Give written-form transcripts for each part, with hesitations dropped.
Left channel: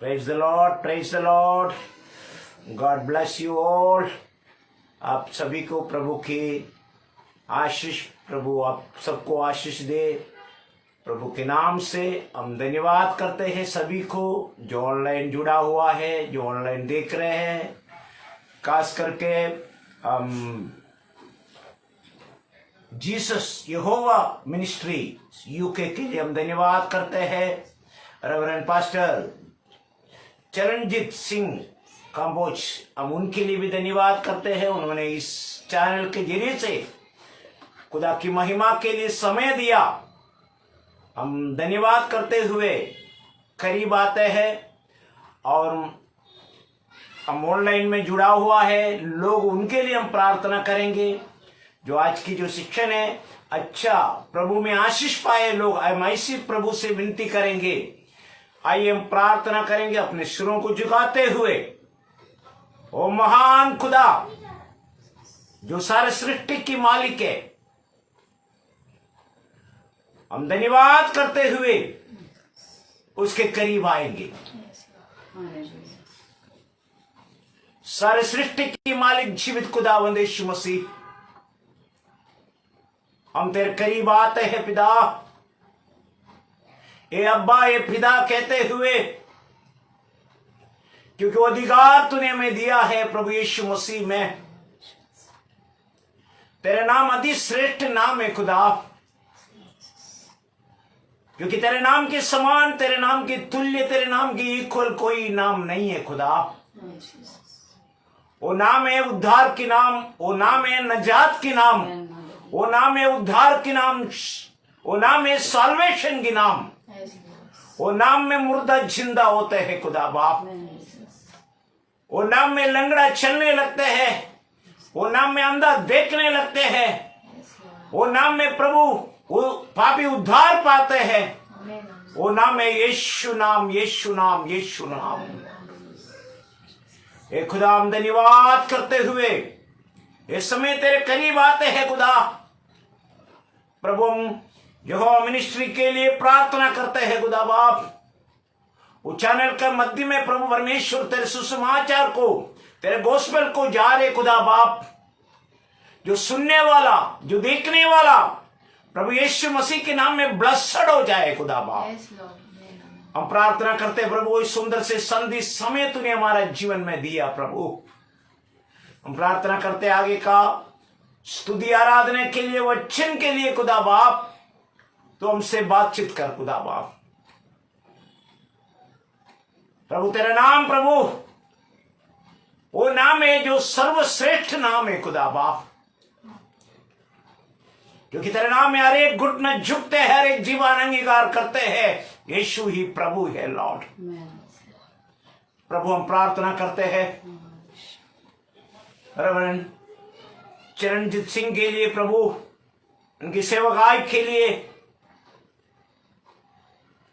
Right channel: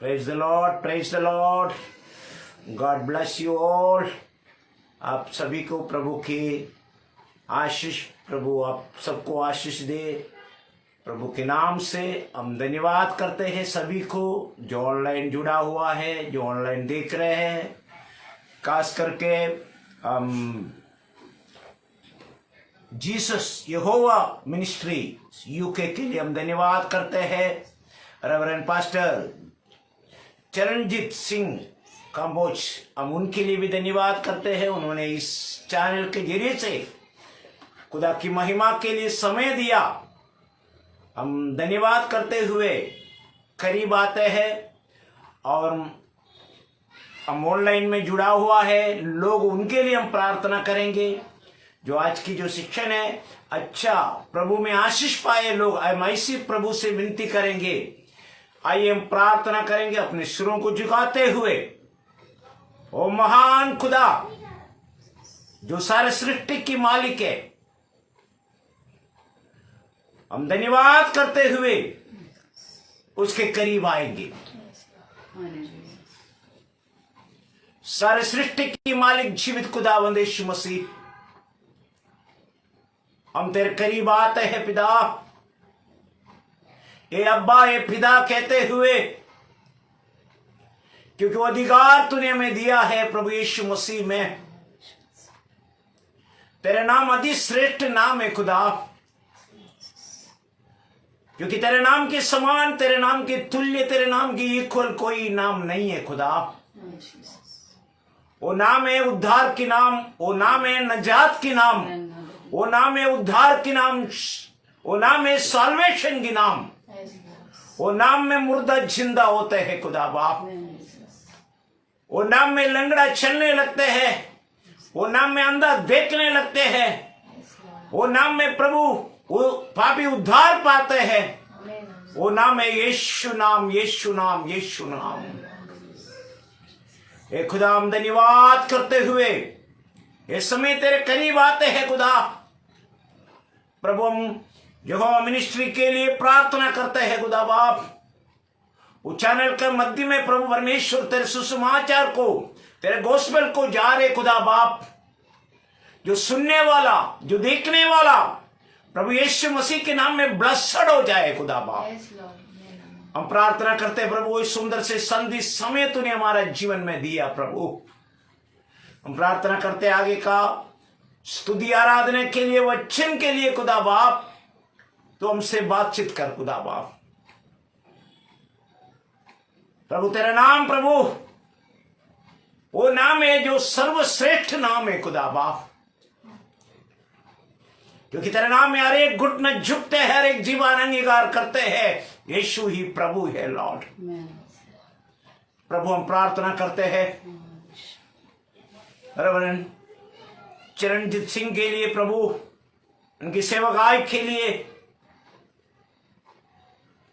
Praise the Lord, praise the Lord. God bless you all. आप सभी को प्रभु की आशीष, प्रभु आप सबको आशीष दे। प्रभु के नाम से हम धन्यवाद करते हैं सभी को जो ऑनलाइन जुड़ा हुआ है, जो ऑनलाइन देख रहे हैं। खास करके हम जीसस यहोवा मिनिस्ट्री यूके के लिए हम धन्यवाद करते हैं। रेवरेंड पास्टर चरणजीत सिंह काम्बोज, हम उनके लिए भी धन्यवाद करते हैं। उन्होंने इस चैनल के जरिए से खुदा की महिमा के लिए समय दिया। हम धन्यवाद करते हुए करीब आते हैं और हम ऑनलाइन में जुड़ा हुआ है लोग, उनके लिए हम प्रार्थना करेंगे। जो आज की जो शिक्षण है अच्छा प्रभु में आशीष पाए लोग, हम ऐसी प्रभु से विनती करेंगे। आइए हम प्रार्थना करेंगे अपने सिरों को झुकाते हुए। ओ महान खुदा जो सारे सृष्टि की मालिक है, हम धन्यवाद करते हुए उसके करीब आएंगे। सारे सृष्टि की मालिक जीवित खुदावंद यीशु मसीह, हम तेरे करीब आते हैं पिता। ए अब्बा, ए पिता कहते हुए, क्योंकि वो अधिकार तूने हमें दिया है प्रभु यीशु मसीह में। तेरे नाम अति श्रेष्ठ नाम है खुदा, क्योंकि तेरे नाम के समान, तेरे नाम के तुल्य, तेरे नाम की इक्वल कोई नाम नहीं है खुदा। वो नाम है उद्धार की नाम, वो नाम है नजात की नाम, वो नाम है उद्धार की नाम, वो नाम है साल्वेशन की नाम। वो नाम में मुर्दा जिंदा होते हैं खुदा बाप। वो नाम में लंगड़ा चलने लगते हैं, वो नाम में अंधा देखने लगते हैं, वो नाम में प्रभु वो पापी उद्धार पाते हैं। वो नाम है यीशु नाम, यीशु नाम, यीशु नाम। ए खुदा, हम धन्यवाद करते हुए ये समय तेरे करीब आते हैं खुदा। प्रभु हम यहोवा मिनिस्ट्री के लिए प्रार्थना करते हैं खुदा बाप। वो चैनल के मध्य में प्रभु परमेश्वर तेरे सुसमाचार को, तेरे गोस्पेल को जा रहे खुदा बाप। जो सुनने वाला, जो देखने वाला प्रभु यीशु मसीह के नाम में ब्लेस्ड हो जाए खुदा बाप। हम प्रार्थना करते हैं प्रभु, इस सुंदर से संधि समय तूने हमारा जीवन में दिया प्रभु। हम प्रार्थना करते आगे का स्तुति आराधना के लिए, वचन के लिए खुदा बाप। तो हमसे बातचीत कर खुदा बाप। प्रभु तेरा नाम प्रभु वो नाम है जो सर्वश्रेष्ठ नाम है खुदा बाप, क्योंकि तेरा नाम में हर एक घुटने झुकते हैं, हर एक जीवन अंगीकार करते हैं यीशु ही प्रभु है लॉर्ड। प्रभु हम प्रार्थना करते हैं रेवरेंड चरणजीत सिंह के लिए प्रभु, उनकी सेवकाई के लिए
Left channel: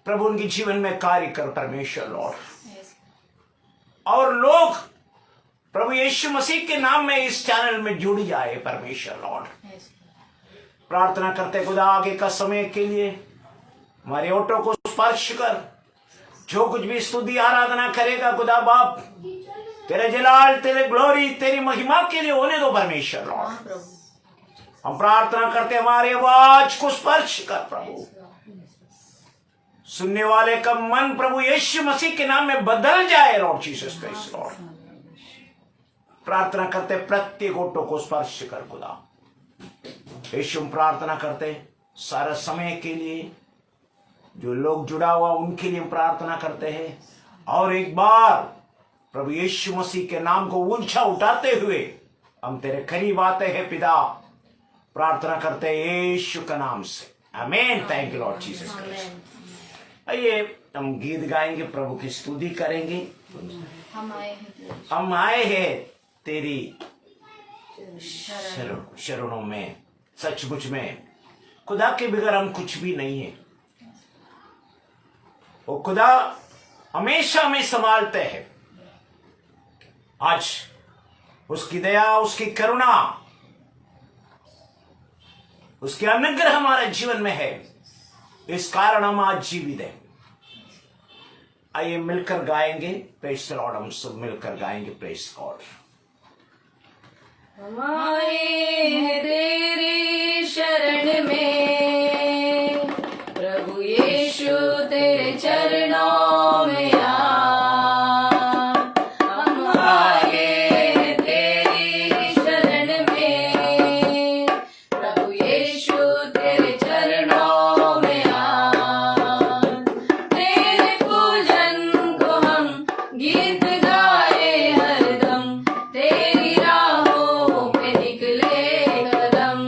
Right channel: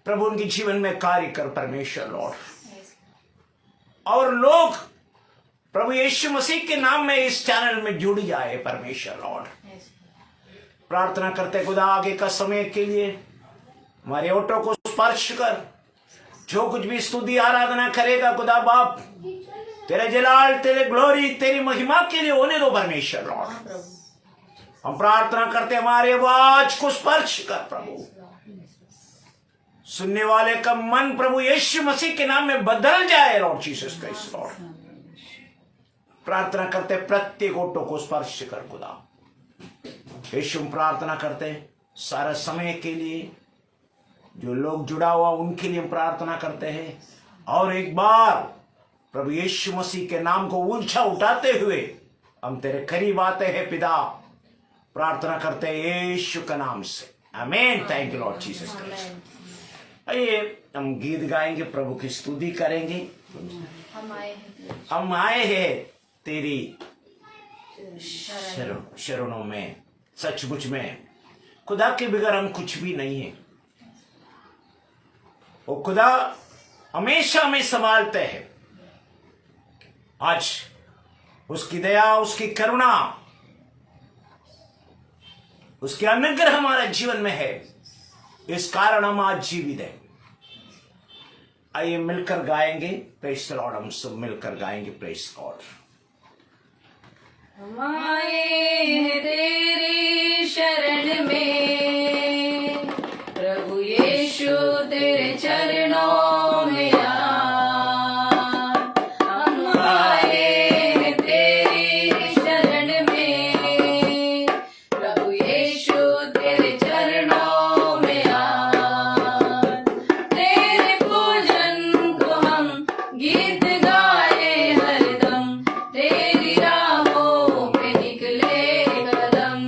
प्रभु, उनके जीवन में कार्य कर परमेश्वर लॉर्ड। और लोग प्रभु यीशु मसीह के नाम में इस चैनल में जुड़ जाए परमेश्वर लॉर्ड। प्रार्थना करते खुदा आगे का समय के लिए हमारे ऑटो को स्पर्श कर। जो कुछ भी स्तुति आराधना करेगा खुदा बाप, तेरे जलाल, तेरे ग्लोरी, तेरी महिमा के लिए होने दो परमेश्वर लॉर्ड। हम प्रार्थना करते हमारे आवाज को स्पर्श कर प्रभु। सुनने वाले का मन प्रभु यीशु मसीह के नाम में बदल जाए लॉर्ड जीसस क्राइस्ट लॉर्ड। प्रार्थना करते प्रत्येक ऑटो को स्पर्श कर खुदा यीशु। प्रार्थना करते सारा समय के लिए जो लोग जुड़ा हुआ उनके लिए प्रार्थना करते हैं। और एक बार प्रभु यीशु मसीह के नाम को ऊंचा उठाते हुए हम तेरे करीब आते हैं पिता। प्रार्थना करते हैं यीशु के नाम से, आमीन। Thank you Lord Jesus Christ. आइए हम गीत गाएंगे, प्रभु की स्तुति करेंगे। हम आए हैं तेरी शरणों में, सचमुच में खुदा के बगैर हम कुछ भी नहीं है। वो खुदा हमेशा हमें संभालते हैं। आज उसकी दया, उसकी करुणा, उसके अनुग्रह हमारे जीवन में है, इस कारण हम आज जीवित हैं। आइए मिलकर गाएंगे प्रेज़ द लॉर्ड। हम सब मिलकर गाएंगे प्रेज़ गॉड। हम आए हैं तेरी शरण में, प्रभु यीशु तेरे चरणों में हम आए हैं तेरी शरण में, प्रभु यीशु तेरे चरणों में तेरे पूजन को हम गीत गाए हरदम, तेरी राहों पे निकले कदम।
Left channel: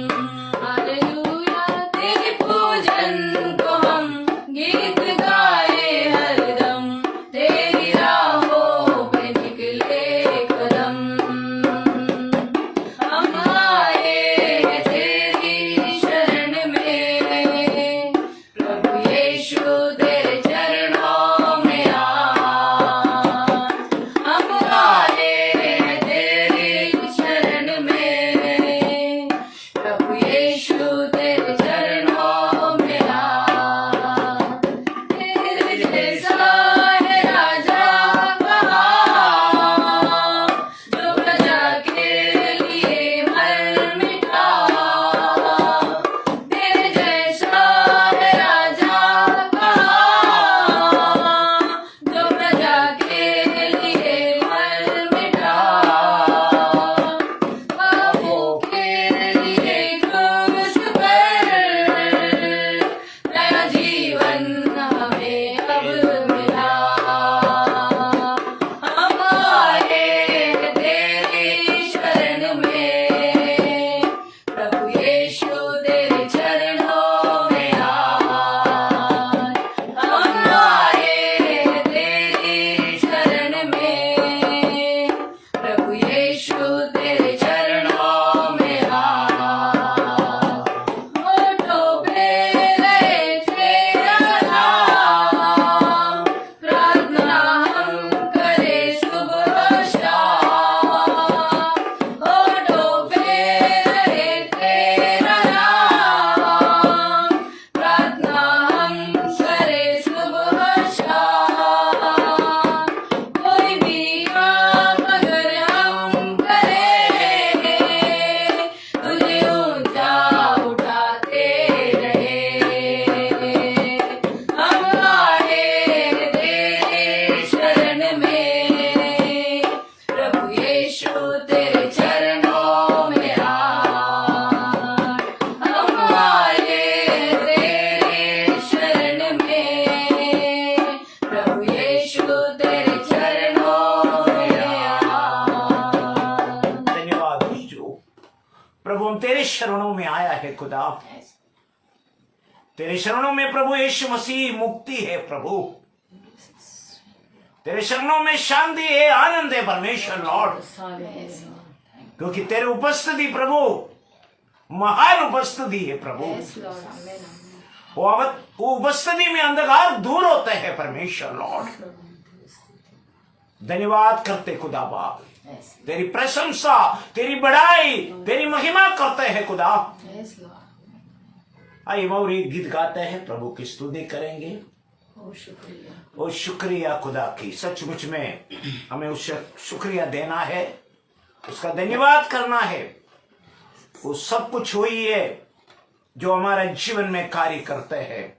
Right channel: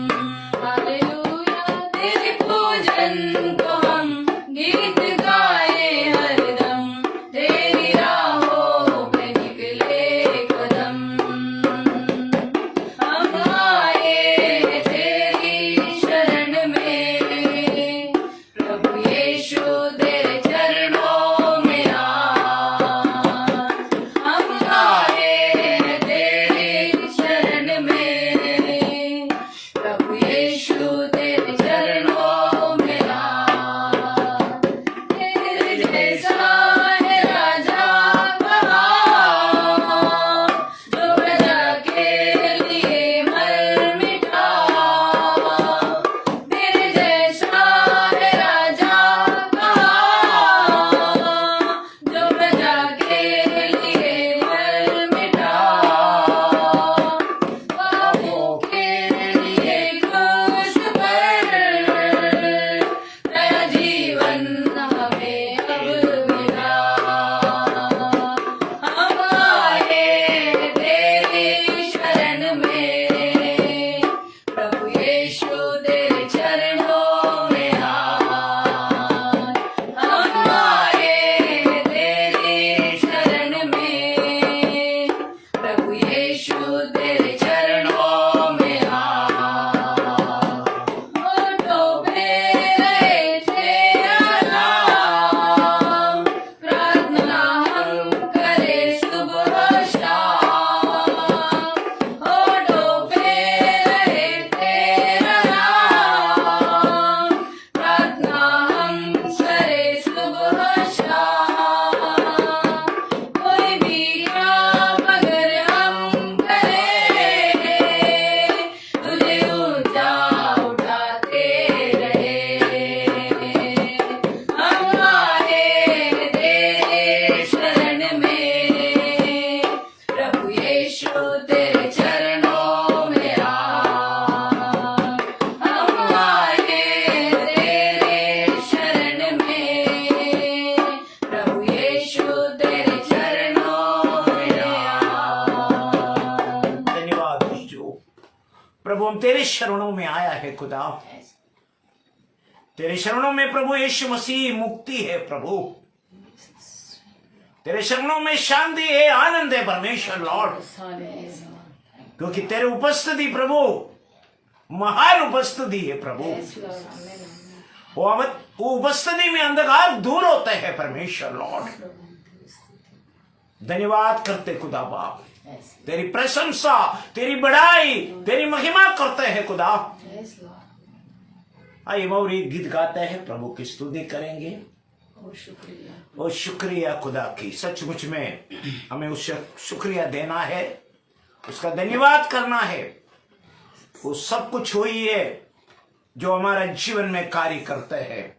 हालेलुया, तेरे पूजन को हम गीत गाए हरदम, तेरी राहों पे निकले कदम। हम आए तेरी शरण में, प्रभु यीशु तेरे चरणों में हम आए तेरी शरण में, प्रभु यीशु तेरे चरणों में तेरे जैसा है राजा कहाँ, जो प्रजा के लिए मर मिटा। तेरे जैसा है राजा कहाँ, जो प्रजा के लिए मर मिटा। पापों के लिए क्रूस पर नया जीवन हमें अब मिला। हम आए तेरी शरण में, प्रभु यीशु तेरे चरणों में हम आए तेरी शरण में, प्रभु यीशु तेरे चरणों में होठों पे रहे तेरा नाम, प्रार्थना हम करें सुबह शाम। होठों पे रहे तेरा नाम, प्रार्थना हम करें सुबह शाम। कोई भी काम अगर हम करें, तुझे ऊंचा उठाते रहे। हम आए तेरे शरण में, प्रभु यीशु तेरे चरणों में हम आए तेरे शरण में, प्रभु यीशु तेरे चरणों में धन्यवाद यीशु। प्रभु हम तेरे शरणों में आया है खुदा, तेरे शरणों में प्रभु यीशु मसीह मुक्ति है। प्रभु तेरे शरणों में शांति है, आनंद है परमेश्वर लॉर्ड, क्योंकि तेरे उपस्थिति प्रभु महान उपस्थिति है। प्रभु वो उपस्थिति में अंधकार दूर होते हैं परमेश्वर लॉर्ड। धन्यवाद करते खुदा बाप, तेरी प्रशंसा, तेरी बड़ाई, तेरी महिमा करते हैं खुदा। आइए और एक गीत गाते हैं, प्रभु की स्तुति करेंगे। ओ शुक्रिया खुदा की, सचमुच में हमें उससे शुक्रिया देना है, उसका धन्यवाद करना है। वो सब कुछ वही है जो हमारे जीवन में कार्य करते हैं।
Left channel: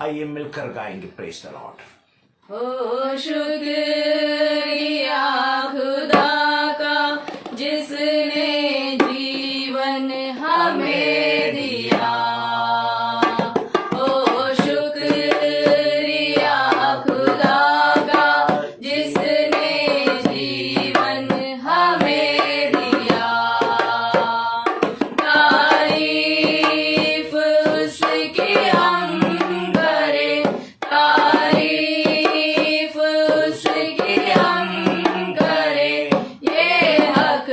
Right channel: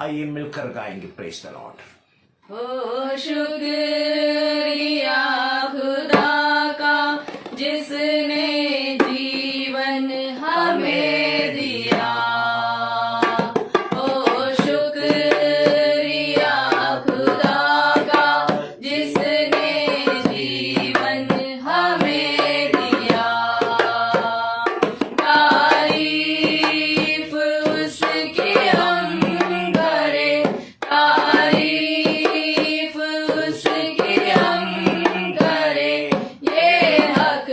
आइए मिलकर गाएंगे प्रेज़ द लॉर्ड। ओ शुक्रिया खुदा का, जिसने जीवन हमें दिया। ओ शुक्रिया खुदा का, जिसने जीवन हमें दिया। तारीफ उसकी हम करें, तारीफ उसकी हम करें, ये हक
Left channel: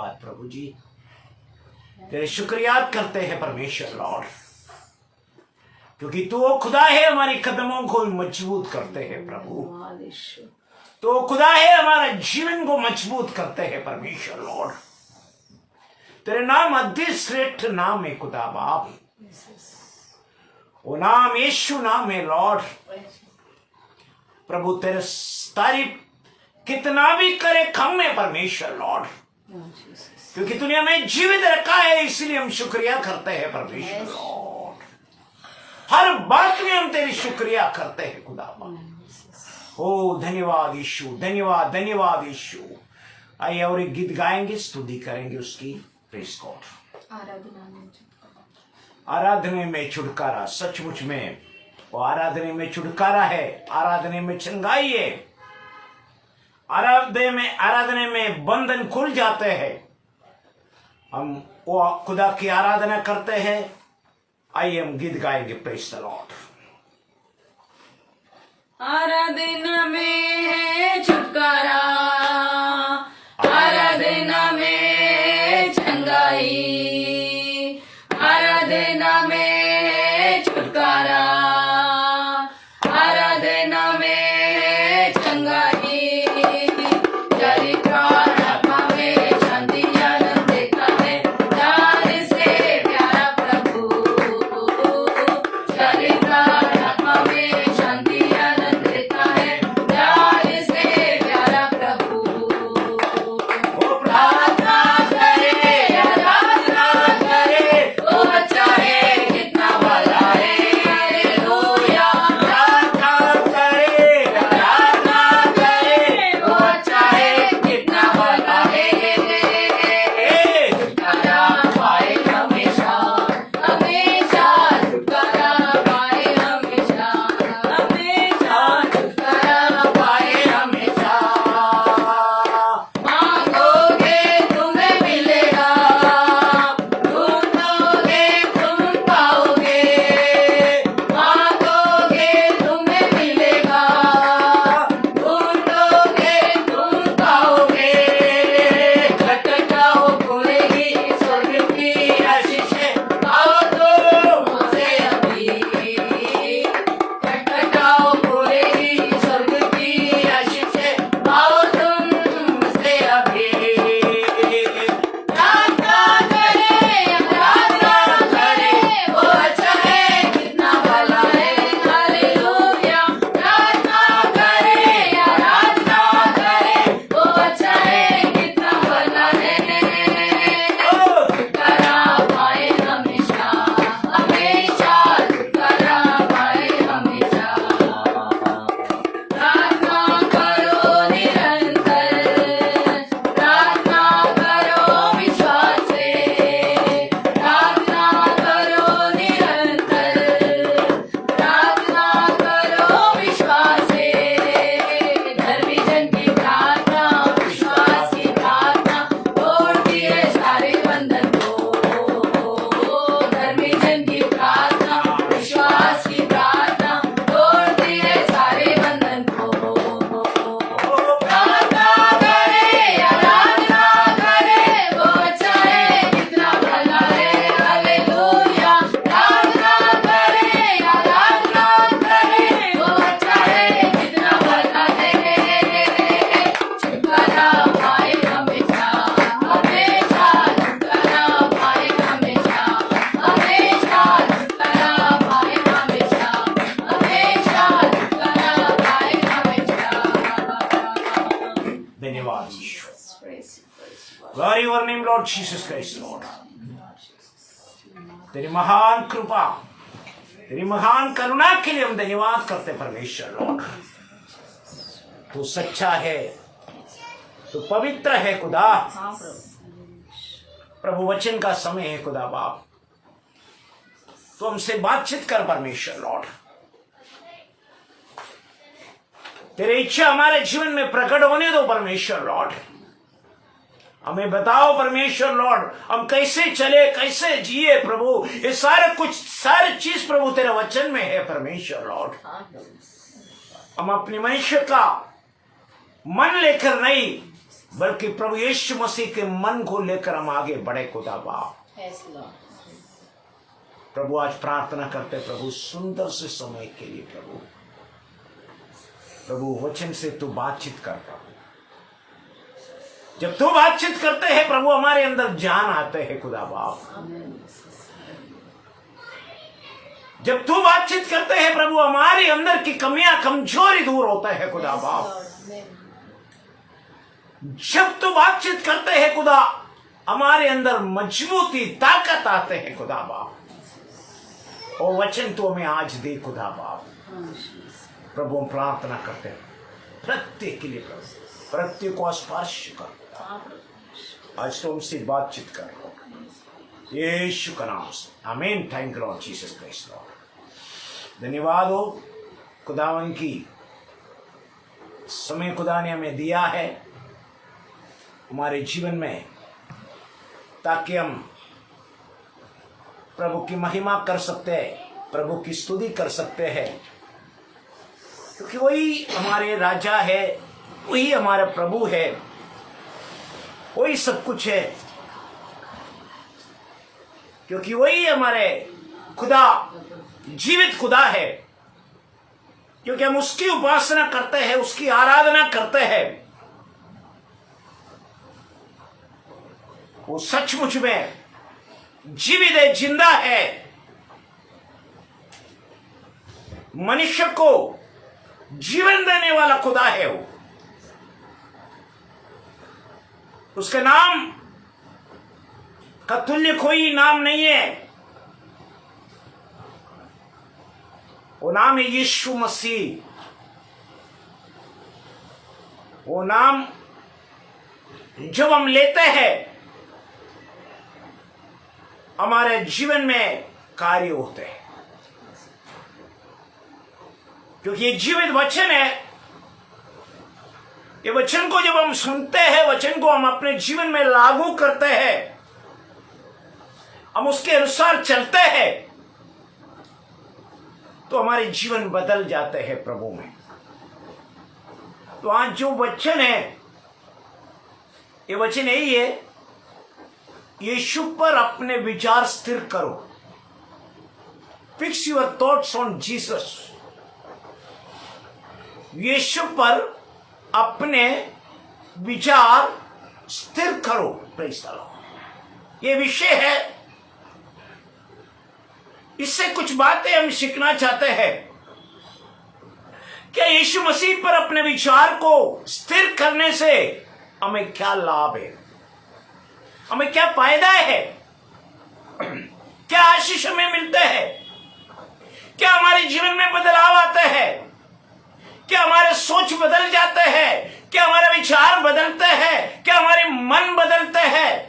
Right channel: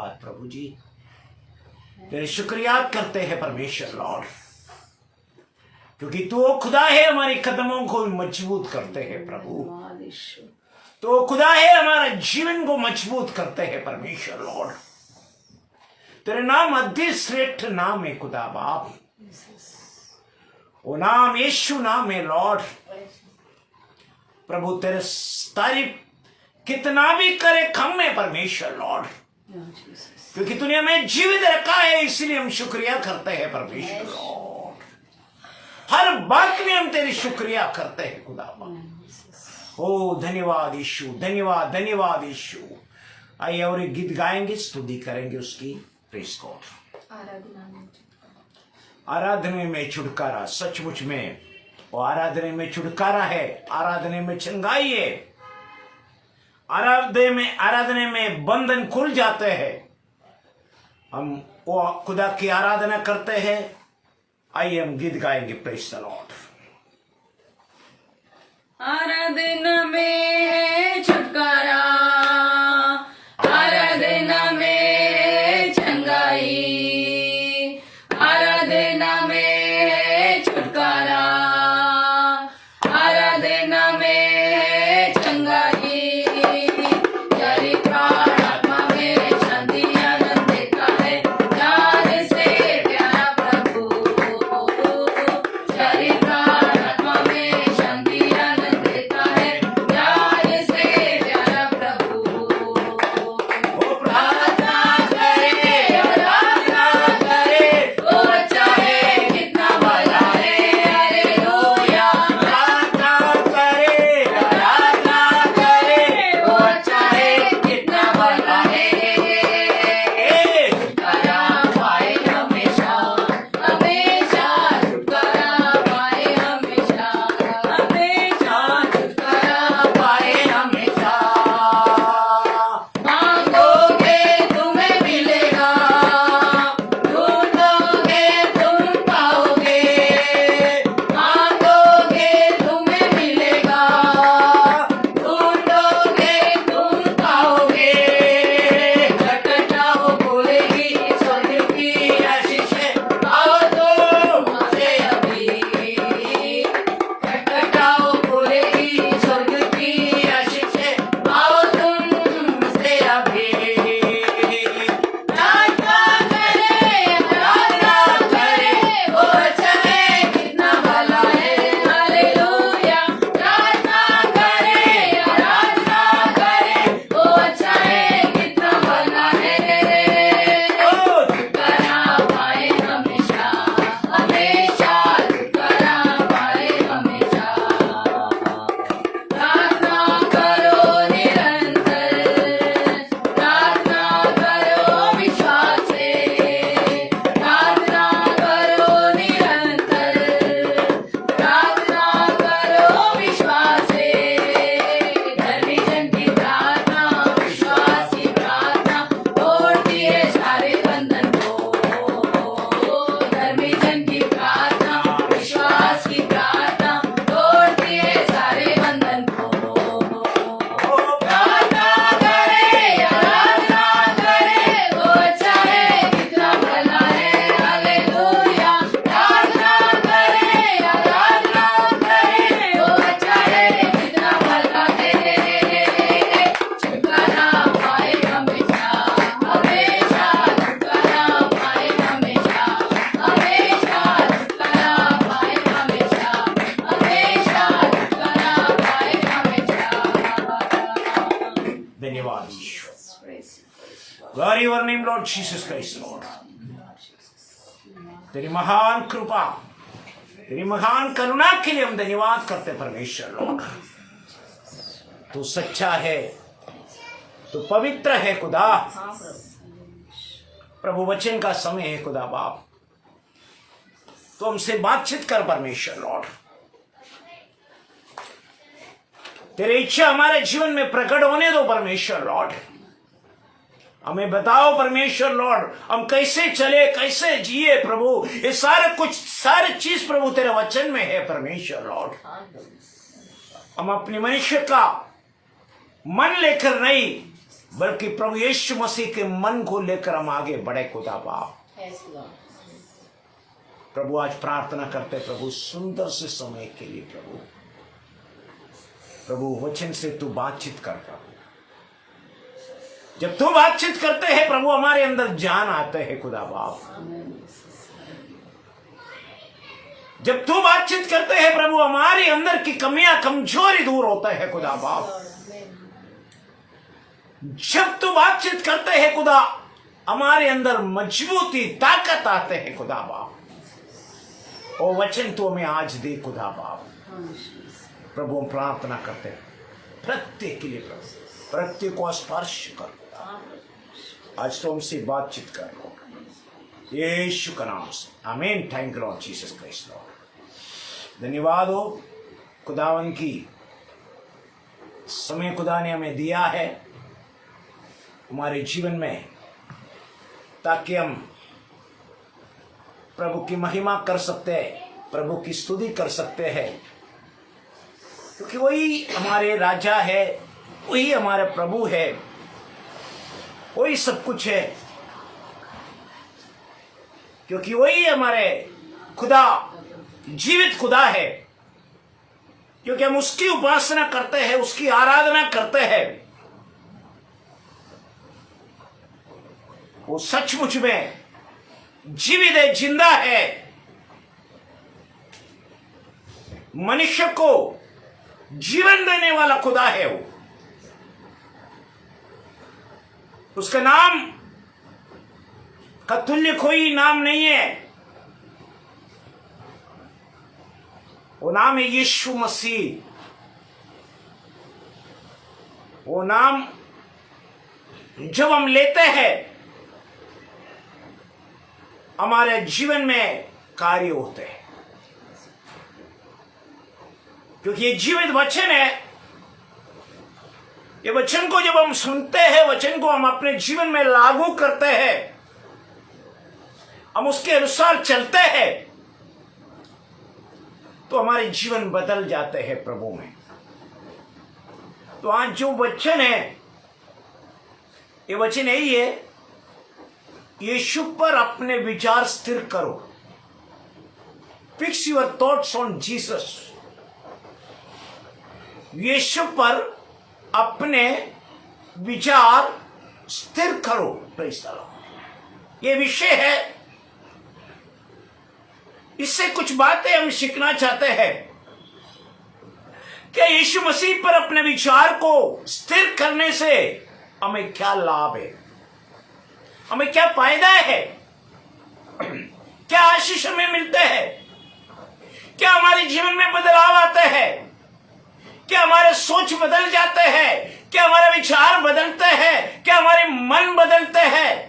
धन्यवाद प्रभु जी, तेरे शुक्रियात करते हैं परमेश्वर लॉर्ड, क्योंकि तू वो खुदा है हमारे कदमों को मजबूत करते हैं प्रभु। तो खुदा है हमारा जीवन को मजबूत करते हैं परमेश्वर लॉर्ड। तेरे नाम अति श्रेष्ठ नाम है खुदा बाप, वो नाम यीशु नाम है लॉर्ड। प्रभु तेरे तारीफ कितना भी करे कम है परमेश्वर लॉर्ड, क्योंकि तूने हमें जीवित रखा है, इसलिए हम शुक्रिया करते हैं परमेश्वर लॉर्ड। हर बात में हम तेरी शुक्रिया करते हैं खुदा बाप। ओ धन्यवाद यीशु, धन्यवाद धन्यवाद यीशु। आइए और एक गीत गाएंगे, स्तुति करेंगे उसकी। Praise God. आराधना में छुटकारा, सचमुच में वो आराधना में छुटकारा है, आराधना में चंगाई है, आराधना में बंधन खुल जाते हैं। हम वो खुदा की आराधना करते हैं। आइए हम गीत गाएंगे। Praise the Lord. आराधना में है छुटकारा, आराधना में चंगाई, आराधना में है छुटकारा, आराधना में है चंगाई। चरित्र आत्मा में शांति आनंद देता है, प्यार से प्यारा प्रभु। चरित्र आत्मा में शांति आनंद देता है, प्यार से प्यारा प्रभु। वो प्रार्थना करे, आराधना करे, वो अच्छा है कितना भला है। हालेलुया। प्रार्थना करे, आराधना करे, वो अच्छा है कितना भला है। छुटकारा पाए हमेशा, हमेशा छुटकारा पाए हमेशा, हमेशा छुटकारा पाए हमेशा। मांगोगे तुम्हें मिलेगा, ढूंढोगे तुम पाओगे। मांगोगे तुम्हें मिलेगा, ढूंढोगे तुम पाओगे। खटखटाओ खुलेगी स्वर्ग की आशीषें, आओ तुम से अभी। खटखटाओ खुलेगी स्वर्ग की आशीषें, आओ तुम से अभी। प्रार्थना करे, आराधना करे, वो अच्छा है कितना भला है। हालेलुया। प्रार्थना करे, आराधना करे, वो अच्छा है कितना भला है। छुटकारा पाए हमेशा, हमेशा छुटकारा पाए हमेशा। प्रार्थना करो निरंतर, प्रार्थना करो विश्वास से। प्रार्थना करो निरंतर, प्रार्थना करो विश्वास से। धर्मी जन की प्रार्थना, विश्वास की प्रार्थना, तोड़ती है सारे बंधन को। धर्मी जन की प्रार्थना, विश्वास की प्रार्थना, तोड़ती है सारे बंधन को। प्रार्थना करे, आराधना करे, वो अच्छा है कितना भला है। हालेलुया। प्रार्थना करे, आराधना करे, वो अच्छा है कितना भला है। छुटकारा पाए हमेशा, हमेशा छुटकारा पाए हमेशा, हमेशा छुटकारा पाए हमेशा, हमेशा छुटकारा पाए हमेशा। धन्यवाद यीशु। Glory your name Lord Jesus Christ Lord. तेरी महान कृपा, तेरी महान करुणा के लिए हम धन्यवाद करते परमेश्वर लॉर्ड। तू सच्चा है, तू पवित्र है खुदा। प्रभु वचन का समय है खुदा बाप, तो हमसे बातचीत कर परमेश्वर लॉर्ड। तेरी इच्छा हमारे जीवन में प्रकट होने दो परमेश्वर लॉर्ड। हमें बताओ परमेश्वर लॉर्ड, हम कैसे चले, कैसे जिए प्रभु। ये सारे चीज प्रभु तेरे वचन में है परमेश्वर लॉर्ड। हम अपने मनुष्य का मन लेकर नहीं, बल्कि प्रभु यीशु मसीह के मन को लेकर हम आगे बढ़े खुदा बाप। Yes, Lord. प्रभु आज प्रार्थना करते प्रभु सुंदर से समय के लिए प्रभु वचन से तू बातचीत कर प्रभु। जब तू बातचीत करते हैं प्रभु हमारे अंदर जान आते हैं खुदा बाप। जब तू बातचीत करते हैं प्रभु हमारे अंदर की कमियां कमजोरी दूर होता है खुदा बाप। जब तू बातचीत करते हैं खुदा हमारे अंदर मजबूती ताकत आते हैं खुदा बाप। ओ वचन तो हमें आज दे खुदा बाप। प्रभु हम प्रार्थना करते हैं प्रत्येक के लिए प्रभु, प्रत्येक को स्पर्श कर आज तो हमसे बातचीत कर यीशु का नाम से आमीन। Thank you Lord Jesus Christ Lord. धन्यवाद हो खुदावन की समय खुदा ने हमें दिया है हमारे जीवन में ताकि हम प्रभु की महिमा कर सकते हैं, प्रभु की स्तुति कर सकते हैं, क्योंकि वही हमारे राजा है, वही हमारा प्रभु है, वही सब कुछ है, क्योंकि वही हमारे खुदा जीवित खुदा है। क्योंकि हम उसकी उपासना करते हैं, उसकी आराधना करते हैं। वो सचमुच में जीवित है, जिंदा है, मनुष्य को जीवन देने वाला खुदा है। वो उसका नाम का तुल्य कोई नाम नहीं है। वो नाम है यीशु मसीह। वो नाम जब हम लेते हैं हमारे जीवन में कार्य होते हैं, क्योंकि ये जीवित वचन है। ये वचन को जब हम सुनते हैं, वचन को हम अपने जीवन में लागू करते हैं, हम उसके अनुसार चलते हैं, तो हमारे जीवन बदल जाते हैं प्रभु में। तो आज जो वचन है, ये वचन यही है, यीशु पर अपने विचार स्थिर करो। Fix your thoughts on Jesus. यीशु पर अपने विचार स्थिर करो। Praise the Lord. ये विषय है, इससे कुछ बातें हम सीखना चाहते हैं। क्या यीशु मसीह पर अपने विचार को स्थिर करने से हमें क्या लाभ है, हमें क्या फायदा है, क्या आशीष हमें मिलते हैं, क्या हमारे जीवन में बदलाव आते हैं, क्या हमारे सोच बदल जाते हैं, क्या हमारे विचार बदलते हैं, क्या हमारे मन बदलते हैं।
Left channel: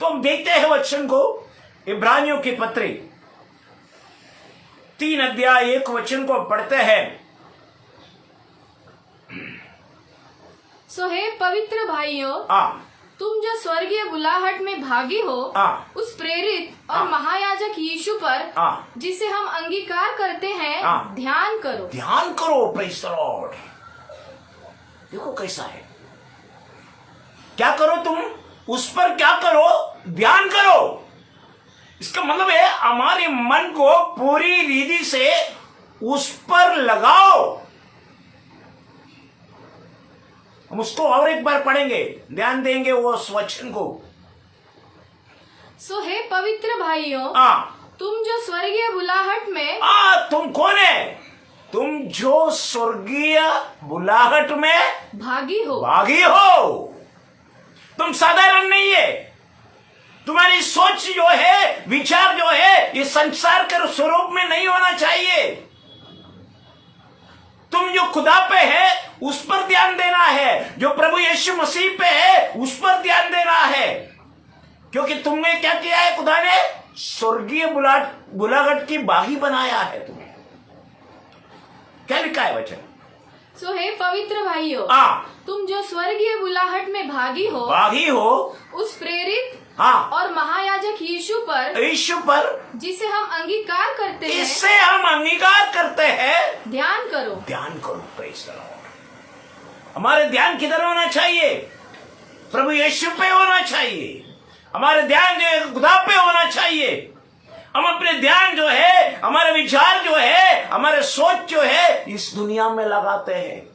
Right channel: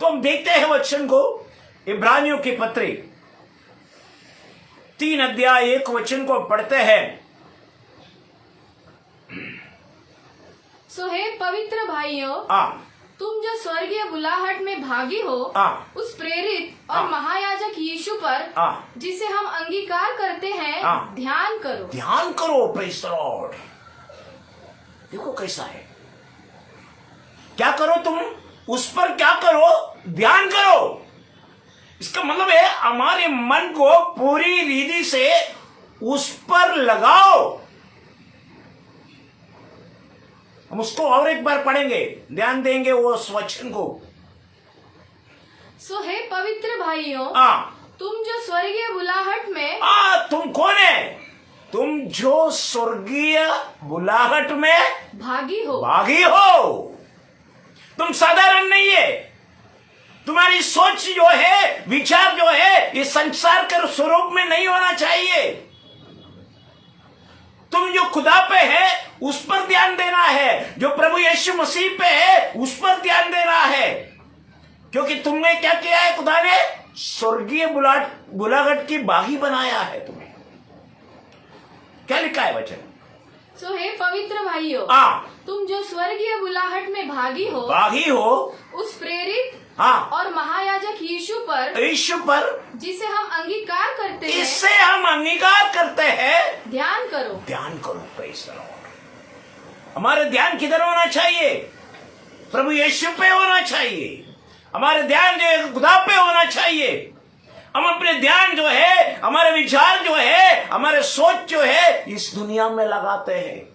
तो हम देखते हैं वचन को इब्रानियों की पत्री 3 अध्याय 1 वचन को पढ़ते हैं। सो हे पवित्र भाइयों, तुम जो स्वर्गीय बुलाहट में भागी हो, उस प्रेरित और महायाजक यीशु पर जिसे हम अंगीकार करते हैं ध्यान करो। ध्यान करो। Praise the Lord. देखो कैसा है, क्या करो तुम, उस पर क्या करो, ध्यान करो। इसका मतलब है हमारे मन को पूरी रीति से उस पर लगाओ। हम उसको और एक बार पढ़ेंगे, ध्यान देंगे वो वचन को। सो हे पवित्र भाइयों, तुम जो स्वर्गीय बुलाहट में तुम कौन है? तुम जो स्वर्गीय बुलाहट में भागी हो। तुम साधारण नहीं है। तुम्हारी सोच जो है, विचार जो है, ये संसार के स्वरूप में नहीं होना चाहिए। तुम जो खुदा पे है उस पर ध्यान देना है, जो प्रभु यीशु मसीह पे है उस पर ध्यान देना है। क्योंकि तुमने क्या किया है, खुदा ने स्वर्गीय बुलाहट की बागी बनाया है तुम्हें। क्या लिखा है वचन? सो हे पवित्र भाइयों, तुम जो स्वर्गीय बुलाहट में भागी हो उस प्रेरित और महायाजक यीशु पर जिसे हम अंगीकार करते हैं, इससे हम अंगीकार करते हैं, ध्यान करो। Praise the Lord. हमारे ध्यान किधर होना चाहिए? प्रभु यीशु पे होना चाहिए। हमारे ध्यान जो है खुदा पे होना चाहिए। हम अपने ध्यान जो है, हमारे विचार जो है, हमारे सोच जो है, इस दुनिया में लगाते हैं।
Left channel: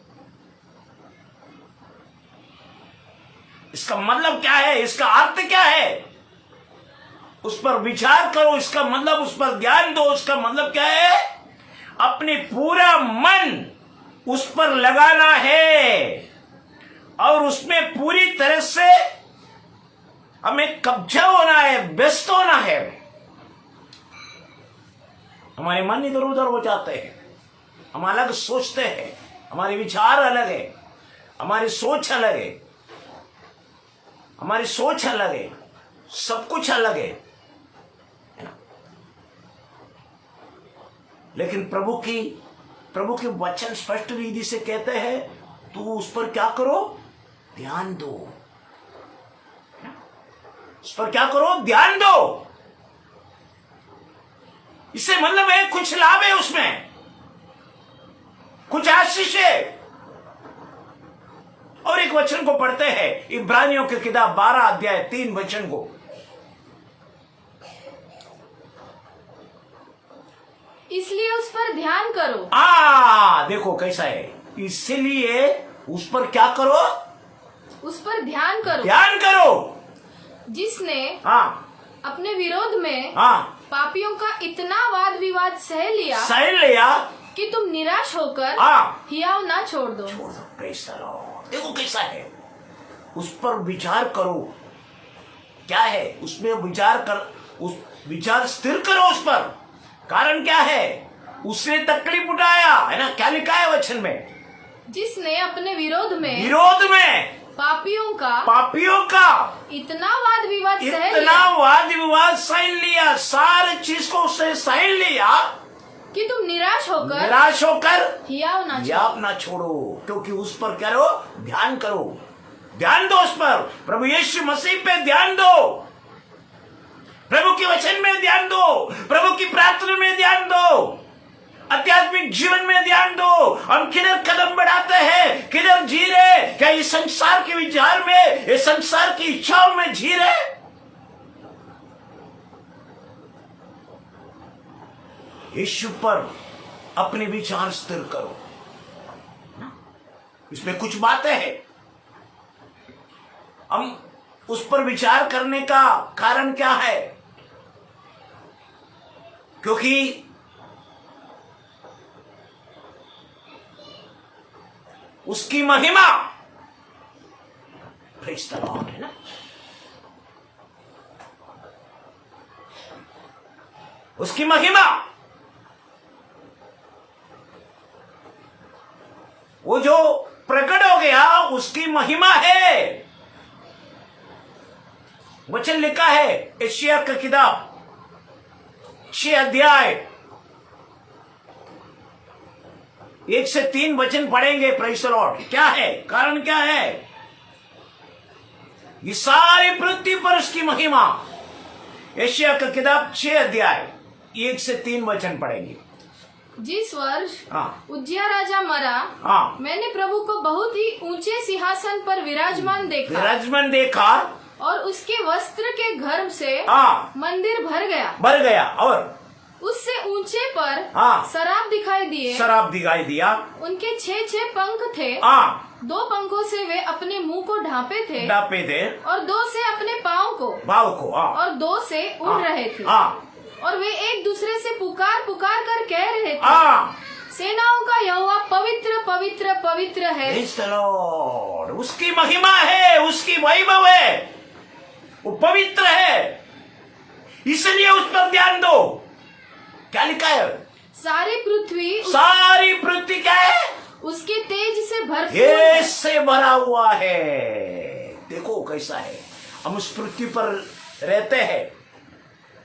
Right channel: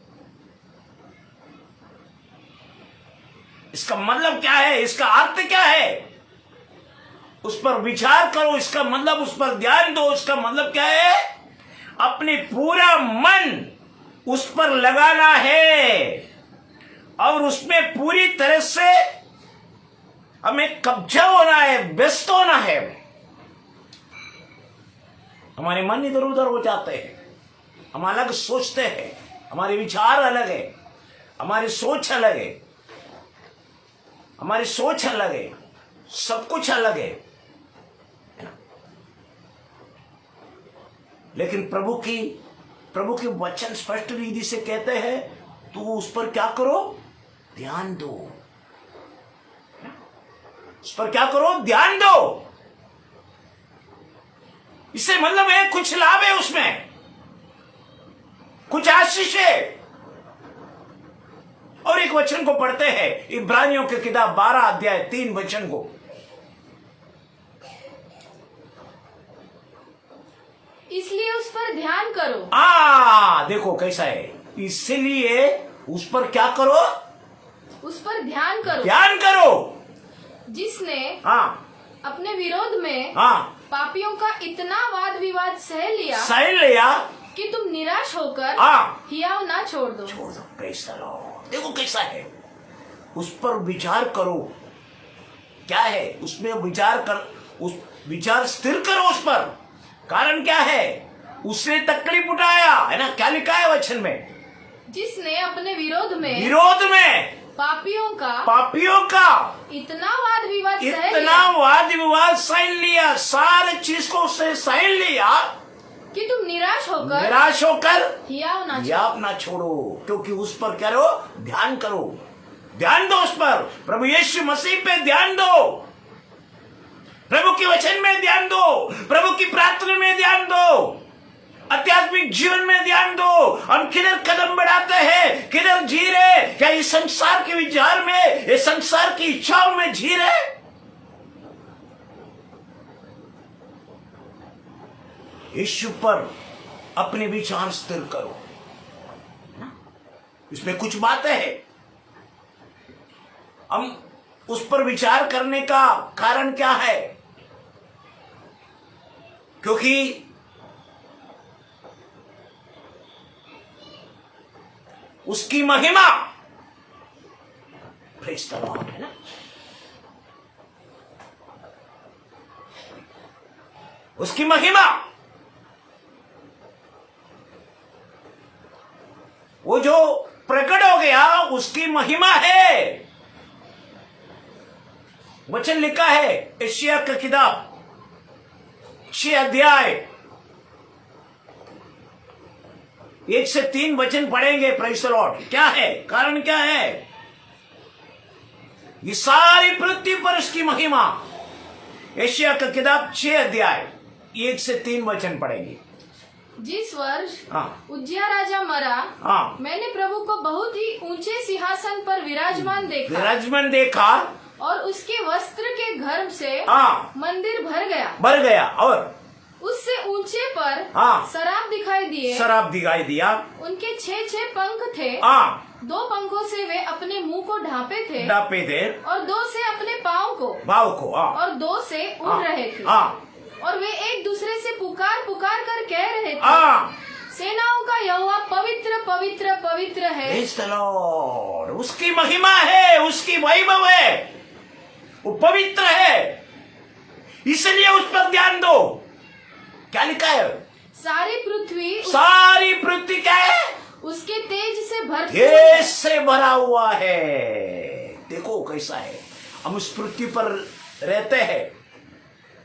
इसका मतलब क्या है? इसका अर्थ क्या है? उस पर विचार करो, इसका मतलब उस पर ध्यान दो। इसका मतलब क्या है? अपने पूरा मन उस पर लगाना है और उसमें पूरी तरह से हमें कब्जा होना है, व्यस्त होना है। हमारे मन इधर उधर हो जाते हैं, हम अलग सोचते हैं, हमारे विचार अलग है, हमारी सोच अलग है, हमारी सोच अलग है, सब कुछ अलग है ना? लेकिन प्रभु की वचन स्पष्ट विधि से कहते हैं, तू उस पर क्या करो? ध्यान दो। उस पर क्या करो? ध्यान दो। इससे मतलब है कुछ लाभ है, उसमें कुछ आशीष है। और एक वचन को पढ़ते हैं, इब्रानियों की किताब 12 अध्याय 3 वचन को। इसलिए उस पर ध्यान करो। देखो कैसा है। इसलिए उस पर क्या करो? उस पर ध्यान करो। ध्यान करो। जिसने अपने विरोध में पापियों का इतना वाद विवाद सह लिया कि तुम निराश होकर हियाव ना छोड़ दो। कैसा देखो कैसा है। उस पर विचार करो। क्या है उसमें? विचार कर, उस विचार स्थिर करो उस पर। कारण क्या है? उसने तकलीफ उठाया है ना। क्या लिखा है वचन में? जिसने अपने विरोध में पापियों का इतना वाद विवाद सहन लिया, सारे चीज को उससे सहन लिया कि तुम निराश होकर हियाव ना छोड़ो। क्योंकि उस पर करो, ध्यान करो, ध्यान दो उस पर। प्रभु यीशु मसीह पे ध्यान दो, प्रभु के वचन में ध्यान दो, प्रभु की प्रार्थना में ध्यान दो, आध्यात्मिक जीवन में ध्यान दो। हम किधर कदम बढ़ाते हैं, किधर जी रहे? क्या इस संसार के विचार में, इस संसार की इच्छाओं में जी रहे? यीशु पर अपने विचार स्थिर करो। इसमें कुछ बातें हैं। हम उस पर विचार करने का कारण क्या है? क्योंकि उसकी महिमा, प्रेज़ द लॉर्ड, है ना। उसकी महिमा, वो जो प्रकट हो गया, उसकी महिमा है। वचन लिखा है यशायाह की किताब 6 अध्याय 1 से 3 वचन पढ़ेंगे। Praise the Lord. क्या है कारण? क्या है? ये सारी पृथ्वी पर उसकी महिमा। यशायाह की किताब 6 अध्याय 1 से 3 वचन पढ़ेंगे। जिस वर्ष उज्जियाह राजा मरा, मैंने प्रभु को बहुत ही ऊंचे सिंहासन पर विराजमान देखा और उसके वस्त्र के घर से मंदिर भर गया और उससे ऊंचे पर शराब दिखाई दिया। उनके 6 पंख थे। 2 पंखों से वे अपने मुंह को ढांपे थे और 2 से अपने पाँव को और 2 से उड़ रहे थे। और वे एक दूसरे से पुकार कर कह रहे थे, सेनाओं का यहोवा पवित्र पवित्र पवित्र है। उसकी महिमा है, उसकी वैभव है, वो पवित्र है। इसलिए उस पर ध्यान दो। क्या लिखा है? सारी पृथ्वी क्या है? उसके तेज से भरा हुआ है। देखो कैसा है। हम उस पृथ्वी पर रहते हैं,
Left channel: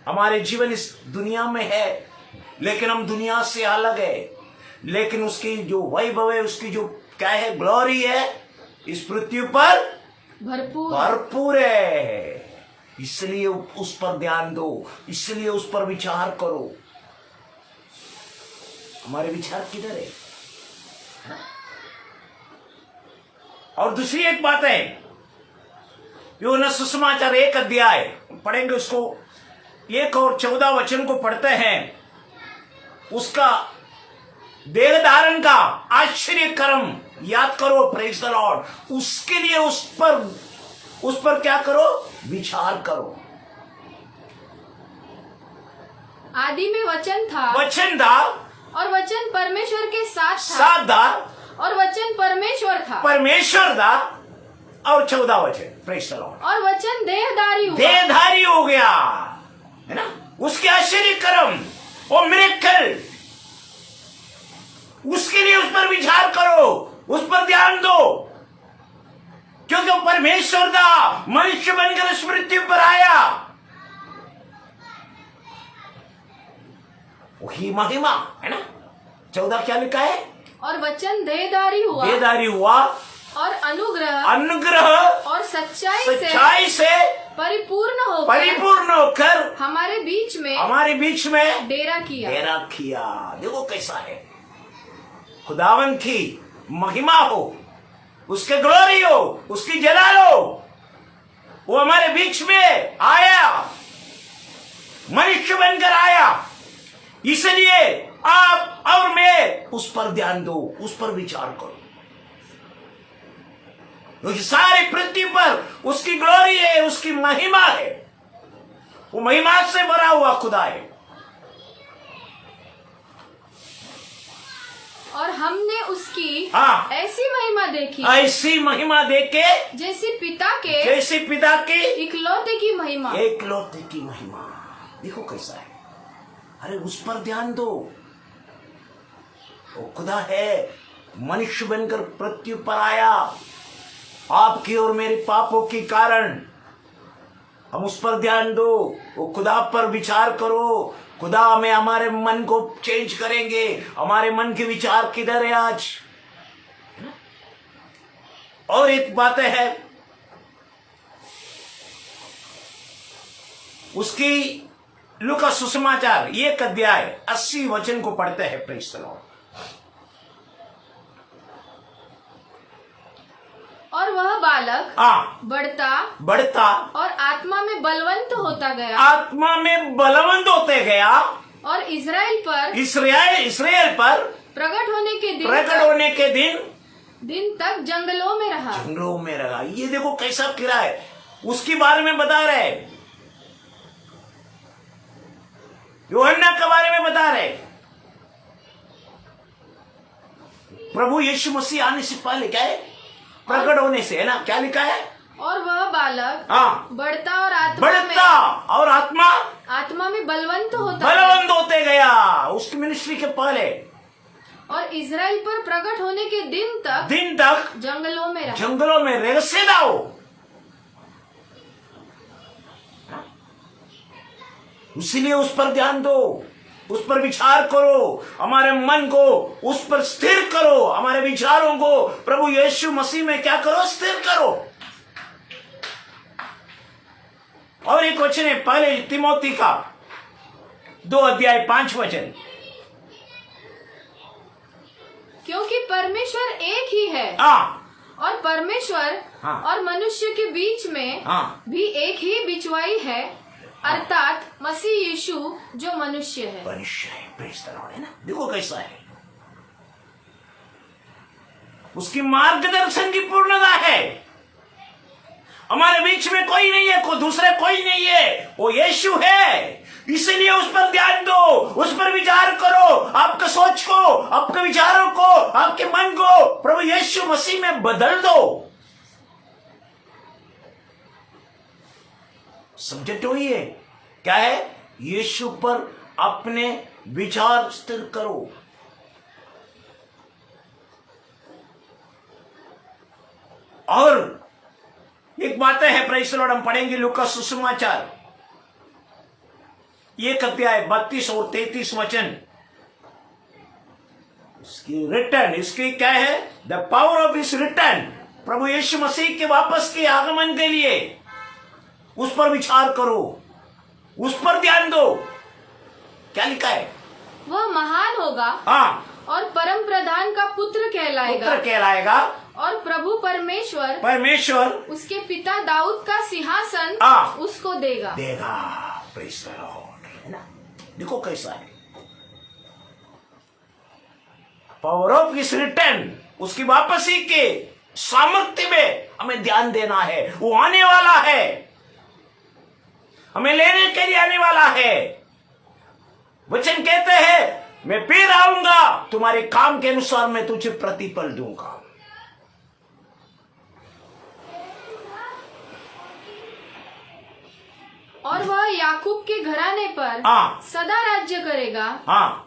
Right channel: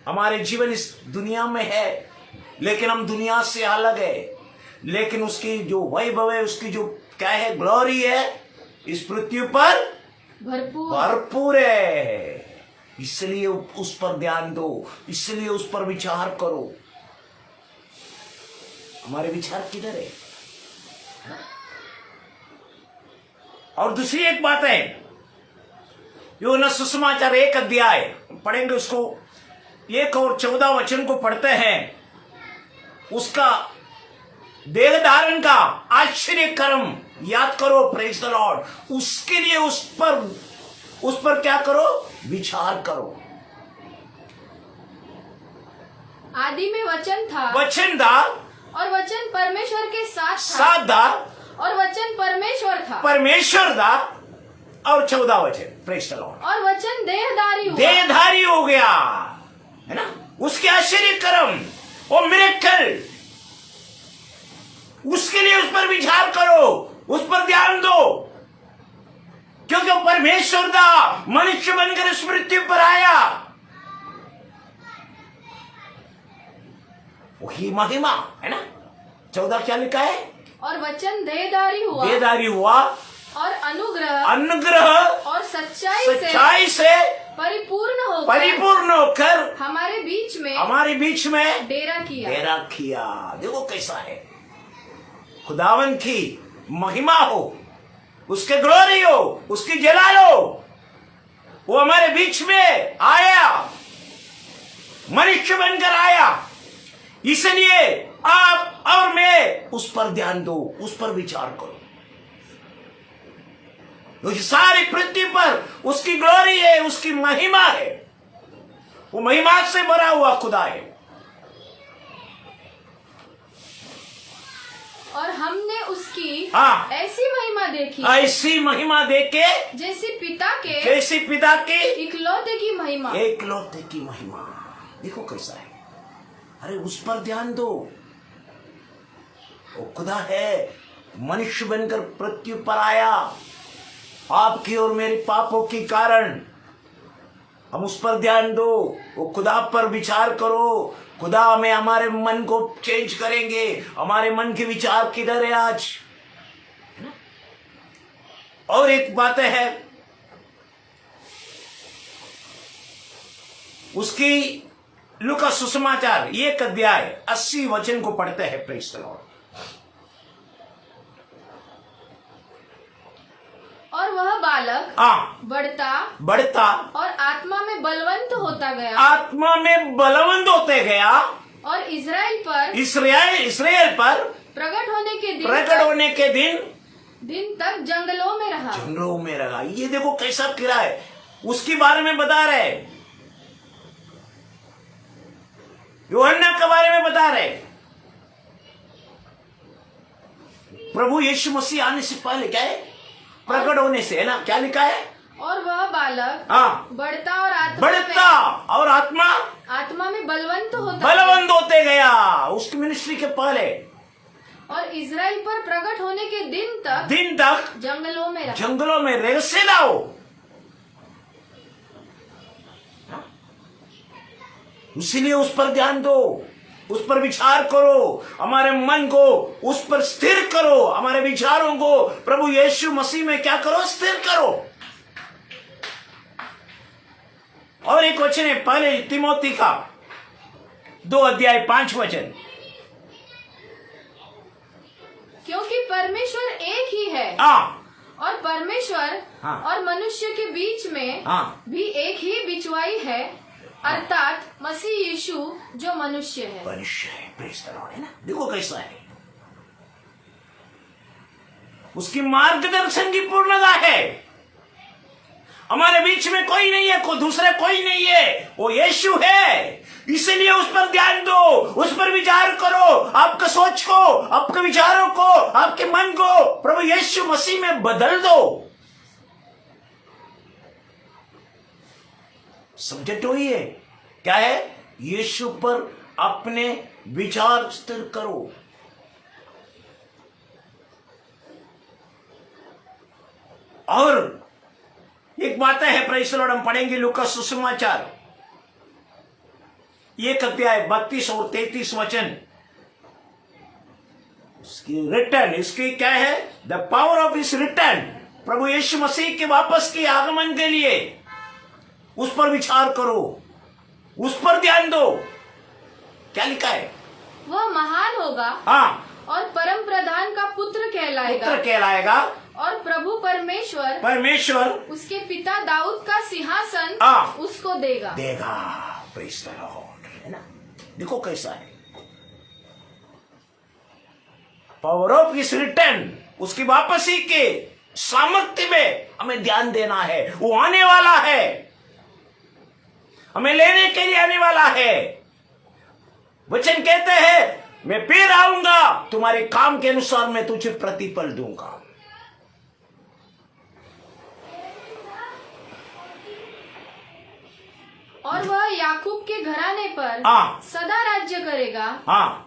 हमारे जीवन इस दुनिया में है, लेकिन हम दुनिया से अलग है। लेकिन उसकी जो वैभव है, उसकी जो क्या है, ग्लोरी है, इस पृथ्वी पर भरपूर है। इसलिए उस पर ध्यान दो, इसलिए उस पर विचार करो। हमारे विचार किधर है? और दूसरी एक बात है, यूहन्ना सुसमाचार 1 अध्याय पढ़ेंगे, उसको 1 और 14 वचन को पढ़ते हैं। उसका देह धारण का आश्चर्य कर्म याद करो, प्रेज द लॉर्ड। उसके लिए उस पर क्या करो, विचार करो। आदि में वचन था, और वचन परमेश्वर के साथ था, और वचन परमेश्वर था, और 14 वचन, प्रेज द लॉर्ड। और वचन देहधारी हो गया, है ना। उसके आश्चर्य कर्म, वो मिरेकल, उसके लिए उस पर विचार करो, उस पर ध्यान दो, क्योंकि परमेश्वर था, मनुष्य बनकर इस मृत्यु पर आया। वही महिमा, है ना। 14 क्या लिखा है, और वचन देहधारी हुआ और अनुग्रह और सच्चाई से परिपूर्ण होकर हमारे बीच में डेरा किया। देखो कैसा है, खुदावन की महिमा हो, उसके ग्लोरी हो, उसकी जलाल हो, वो हमारे बीच में आया, मनुष्य बनकर आया। इसलिए आप और मैं उस पर ध्यान दो, उस पर विचार करो। क्योंकि सारी पृथ्वी पर उसकी ग्लोरी है, उसकी महिमा है, वो महिमा से भरा हुआ खुदा है। और हमने उसकी ऐसी महिमा देखे जैसी पिता के इकलौते की महिमा। देखो कैसा है, अरे उस पर ध्यान दो। वो खुदा है, मनुष्य बनकर पृथ्वी पर आया, आपकी और मेरे पापों के कारण। हम उस पर ध्यान दो, वो खुदा पर विचार करो। खुदा में हमारे मन को चेंज करेंगे। हमारे मन के विचार किधर है आज? और एक बात है, उसकी लूका सुसमाचार 1 अध्याय 80 वचन को पढ़ते हैं, प्रेज़ द लॉर्ड। और वह बालक बढ़ता और आत्मा में बलवंत होता गया, और इस्राएल पर प्रकट होने के दिन तक जंगलों में रहा। ये देखो कैसा किरा है, उसके बारे में बता रहे, यूहन्ना के बारे में बता रहे। प्रभु यीशु मसीह आने से पहले क्या है, प्रकट होने से, है ना। क्या लिखा है, और वह बालक बढ़ता और आत्मा में बलवंत होते गया, उसकी मिनिस्ट्री के पहले। और इज़राइल पर प्रकट होने के दिन तक जंगलों में रहस्य लाओ। इसीलिए उस पर ध्यान दो, उस पर विचार करो, हमारे मन को उस पर स्थिर करो, हमारे विचारों को प्रभु यीशु मसीह में क्या करो, स्थिर करो। और एक वचन है पहले तिमोथी का 2 अध्याय 5 वचन। क्योंकि परमेश्वर एक ही है, और परमेश्वर और मनुष्य के बीच में भी एक ही बिचवाई है, अर्थात मसीह यीशु जो मनुष्य है। प्रेज़ द लॉर्ड, है ना। देखो कैसा है, उसकी मार्गदर्शन की पूर्णता है। हमारे बीच में कोई नहीं है, दूसरा कोई नहीं है, वो यीशु है। इसलिए उस पर ध्यान दो, उस पर विचार करो, आपके सोच को, आपके विचारों को, आपके मन को प्रभु यीशु मसीह में बदल दो। सब्जेक्ट वही है, क्या है, यीशु पर अपने विचार स्थिर करो। और एक बात है, प्रेज़ द लॉर्ड, हम पढ़ेंगे लूका सुसमाचार 1 अध्याय 32 और 33 वचन। इसकी रिटर्न, इसकी क्या है, द पावर ऑफ इस रिटर्न, प्रभु यीशु मसीह के वापस के आगमन के लिए उस पर विचार करो, उस पर ध्यान दो। क्या लिखा है, वह महान होगा और परम प्रधान का पुत्र कहलाएगा, और प्रभु परमेश्वर परमेश्वर उसके पिता दाऊद का सिंहासन उसको देगा। प्रेज़ द लॉर्ड, है ना। देखो कैसा है, पावर ऑफ हिज रिटर्न, उसकी वापसी के सामर्थ्य में हमें ध्यान देना है। वो आने वाला है, हमें लेने के लिए आने वाला है। वचन कहते हैं मैं फिर आऊंगा, तुम्हारे काम के अनुसार मैं तुझे प्रतिफल दूंगा। और वह याकूब के घराने पर सदा राज्य करेगा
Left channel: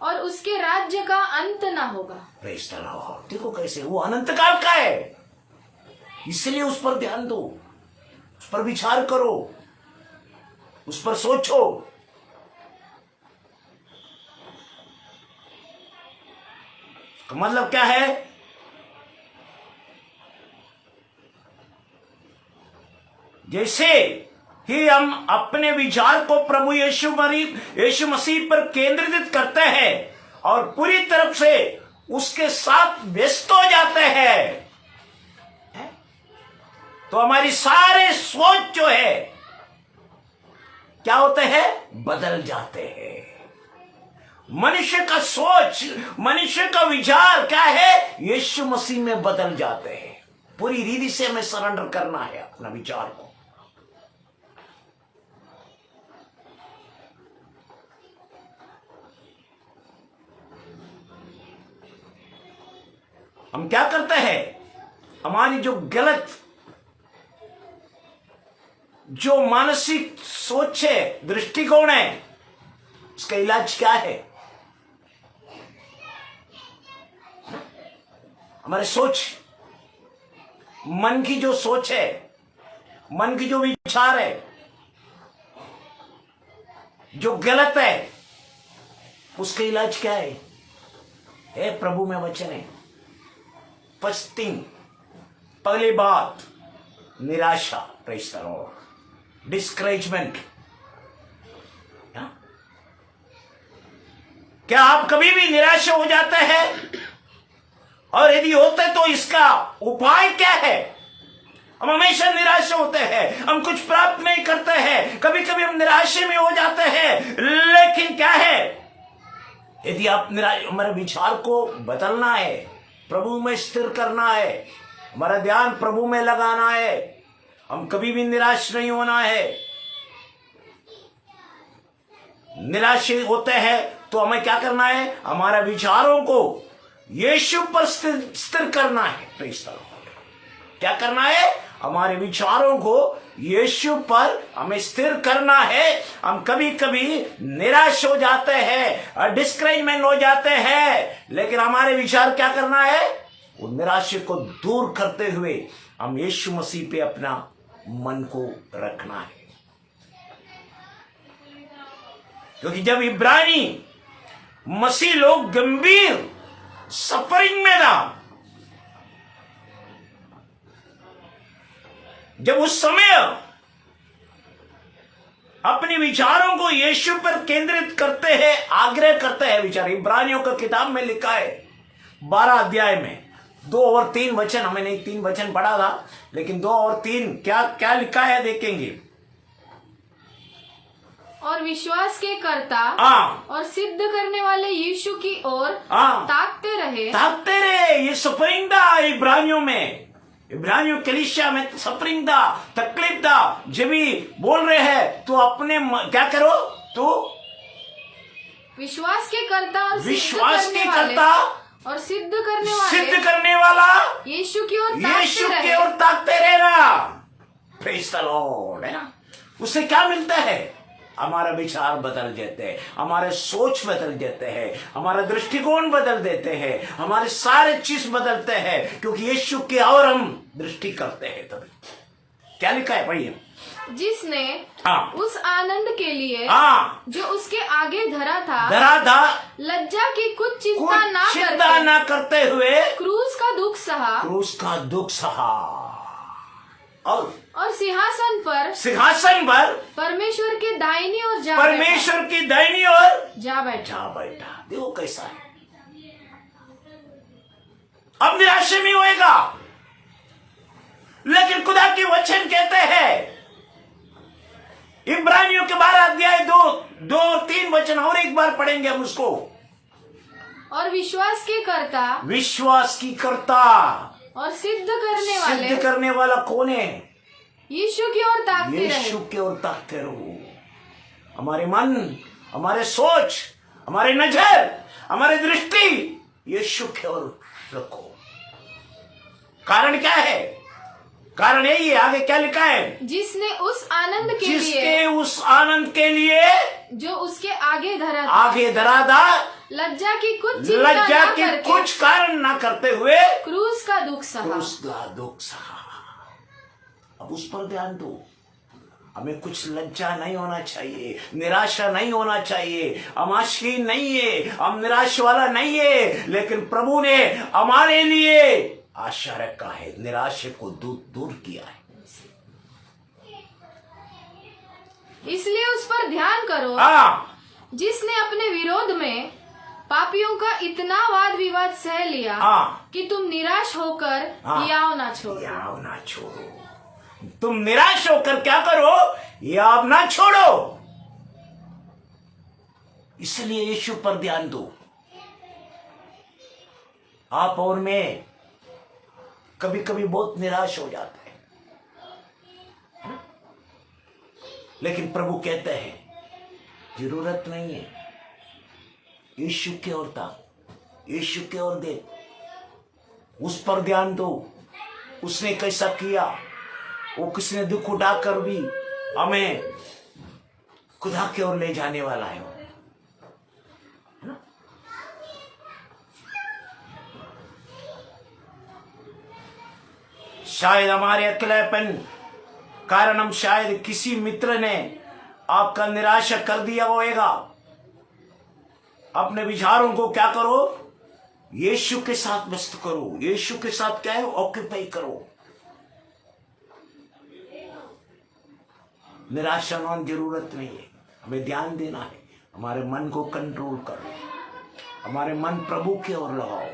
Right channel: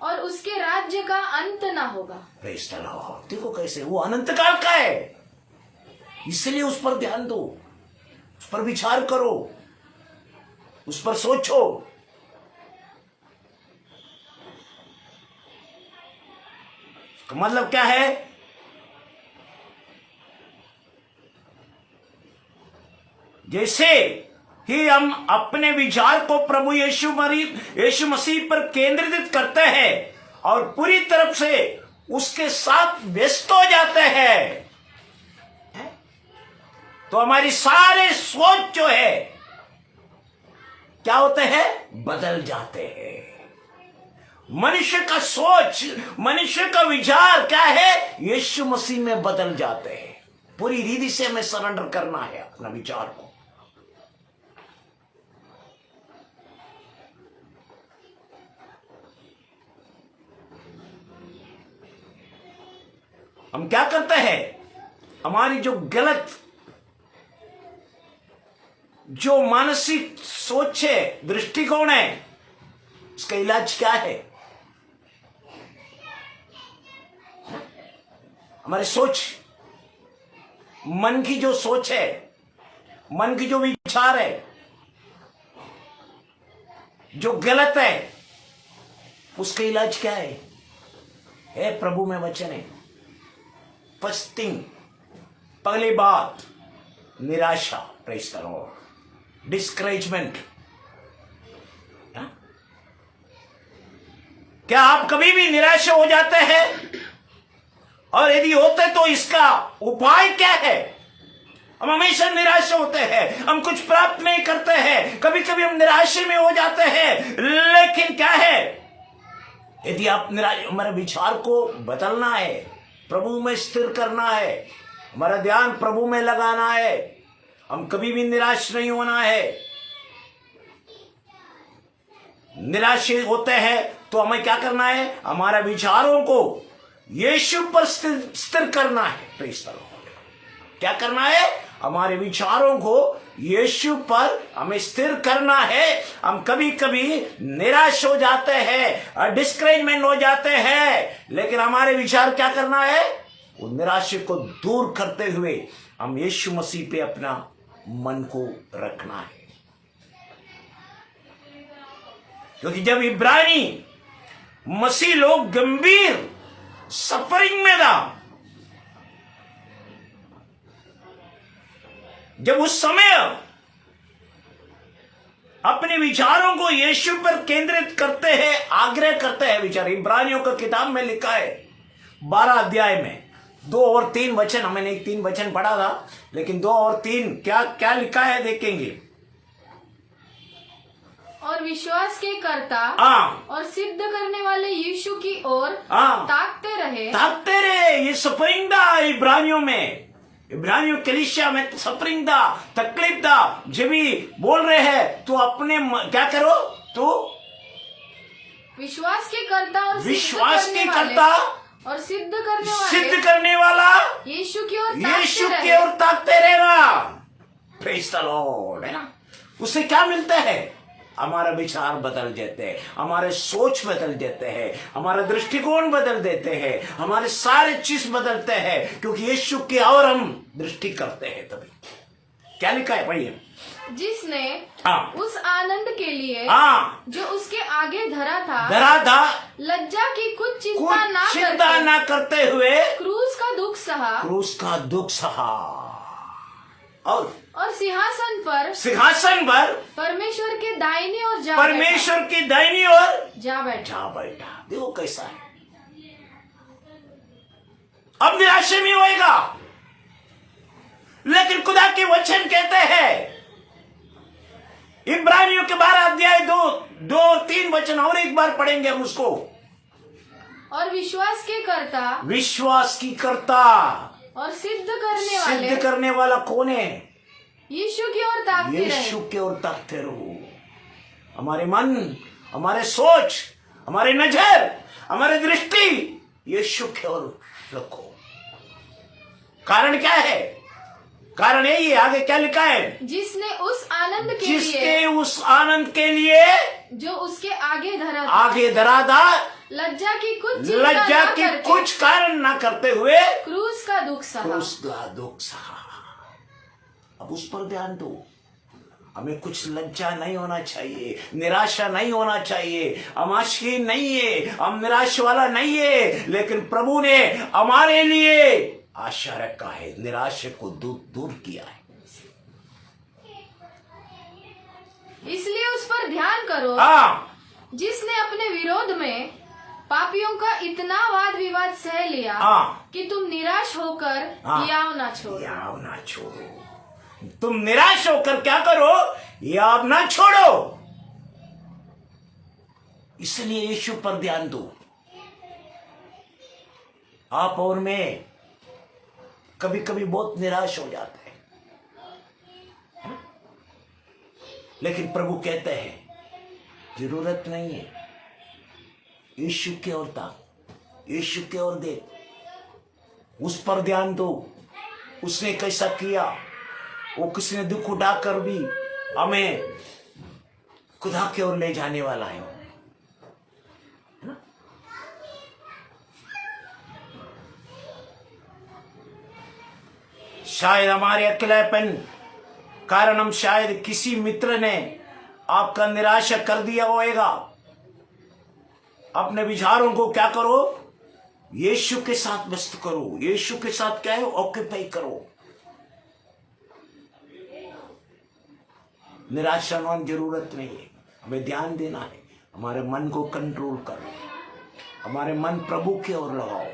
और उसके राज्य का अंत ना होगा। Praise the Lord. देखो कैसे वो अनंत काल का है, इसलिए उस पर ध्यान दो, उस पर विचार करो, उस पर सोचो। मतलब क्या है? जैसे ही हम अपने विचार को प्रभु यीशु मसीह पर केंद्रित करते हैं और पूरी तरफ से उसके साथ व्यस्त हो जाते हैं, तो हमारी सारे सोच जो है क्या होते हैं? बदल जाते हैं। मनुष्य का सोच, मनुष्य का विचार क्या है? यीशु मसीह में बदल जाते हैं। पूरी रीति से हमें सरेंडर करना है अपना विचार को। हम क्या करते हैं? हमारी जो गलत, जो मानसिक सोच है, दृष्टिकोण है, इसका इलाज क्या है? हमारी सोच, मन की जो सोच है, मन की जो विचार है, जो गलत है, उसका इलाज क्या है? प्रभु में वचन है। फर्स्ट थिंग, पहली बात, निराशा, प्रेज़ द लॉर्ड, डिस्करेजमेंट। क्या आप कभी भी निराश हो जाते हैं? और यदि होते तो इसका उपाय क्या है? हम हमेशा निराश होते हैं, हम कुछ प्राप्त नहीं करते हैं, कभी कभी हम निराशे में हो जाते हैं। लेकिन क्या है? यदि आप हमारे विचार को बदलना है, प्रभु में स्थिर करना है, हमारा ध्यान प्रभु में लगाना है, हम कभी भी निराश नहीं होना है। निराश होते हैं तो हमें क्या करना है? हमारा विचारों को यीशु पर स्थिर करना है। Praise the Lord. क्या करना है? हमारे विचारों को यीशु पर हमें स्थिर करना है। हम कभी कभी निराश हो जाते हैं, डिस्करेजमेंट हो जाते हैं, लेकिन हमारे विचार क्या करना है? वो निराशा को दूर करते हुए हम यीशु मसीह पे अपना मन को रखना है। क्योंकि जब इब्रानी मसीह लोग गंभीर सफरिंग में था, जब उस समय अपने विचारों को यीशु पर केंद्रित करते हैं, आग्रह करते हैं, विचार इब्रानियों का किताब में लिखा है 12 अध्याय में 2 और 3 वचन, हमने 3 वचन पढ़ा था, लेकिन 2 और 3 क्या क्या लिखा है देखेंगे। और विश्वास के कर्ता और सिद्ध करने वाले यीशु की ओर ताकते रहे। ये सफरिंग था इब्रानियों में, इब्रानियों कलीसिया में सफरिंग था, तकलीफ था। जब भी बोल रहे हैं तो अपने क्या करो? तो विश्वास के कर्ता और सिद्ध करने वाला यीशु की ओर ताकते रहना। प्रेज़ द लॉर्ड, है ना। उससे क्या मिलता है? हमारा विचार बदल देते हैं, हमारे सोच बदल देते हैं, हमारा दृष्टिकोण बदल देते हैं, हमारे सारे चीज बदलते हैं, क्योंकि यीशु की और हम दृष्टि करते हैं। तभी क्या लिखा है? पढ़िए। जिसने उस आनंद के लिए जो उसके आगे धरा था लज्जा की कुछ चिंता ना करते हुए क्रूस का दुख सहा और सिंहासन पर परमेश्वर की दाहिनी ओर जा बैठा। देखो कैसा है। अब निराशा नहीं होएगा, लेकिन खुदा के वचन कहते हैं, इब्रानियों के 12 अध्याय 2 और 3 वचन और एक बार पढ़ेंगे हम उसको। और विश्वास की कर्ता और सिद्ध करने वाला कौन है? यीशु की ओर ताकते रहे। यीशु की ओर ताकते रहो। हमारे मन, हमारे सोच, हमारे नजर, हमारी दृष्टि यीशु की ओर रखो। कारण क्या है? कारण यही है, आगे क्या लिखा है? जिसके उस आनंद के लिए जो उसके आगे धरा था, लज्जा की कुछ कारण ना करते हुए क्रूस का दुख सहा। अब उस पर ध्यान दो। हमें कुछ लज्जा नहीं होना चाहिए, निराशा नहीं होना चाहिए। हम आशाहीन नहीं है, हम निराश वाला नहीं है, लेकिन प्रभु ने हमारे लिए आशा रखा है, निराशा को दूर किया है। इसलिए उस पर ध्यान करो, जिसने अपने विरोध में पापियों का इतना वाद विवाद सह लिया कि तुम निराश होकर याव ना छोड़ो। तुम निराश होकर क्या करो? याव ना छोड़ो। इसलिए यीशु पर ध्यान दो। आप और मैं कभी कभी बहुत निराश हो जाते हैं, लेकिन प्रभु कहते हैं जरूरत नहीं है। यीशु की ओर ताक, यीशु की ओर देख, उस पर ध्यान दो। उसने कैसा किया, वो किसने दुख उठाकर भी हमें खुदा की ओर ले जाने वाला है। शायद हमारे अकेलापन कारण हम शायद किसी मित्र ने आपका निराशा कर दिया होगा। अपने विचारों को क्या करो? यीशु के साथ व्यस्त करो। यीशु के साथ क्या है? ऑक्यूपाई करो। निराशा होने जरूरत नहीं है। हमें ध्यान देना है, हमारे मन को कंट्रोल करो, हमारे मन प्रभु की ओर लगाओ।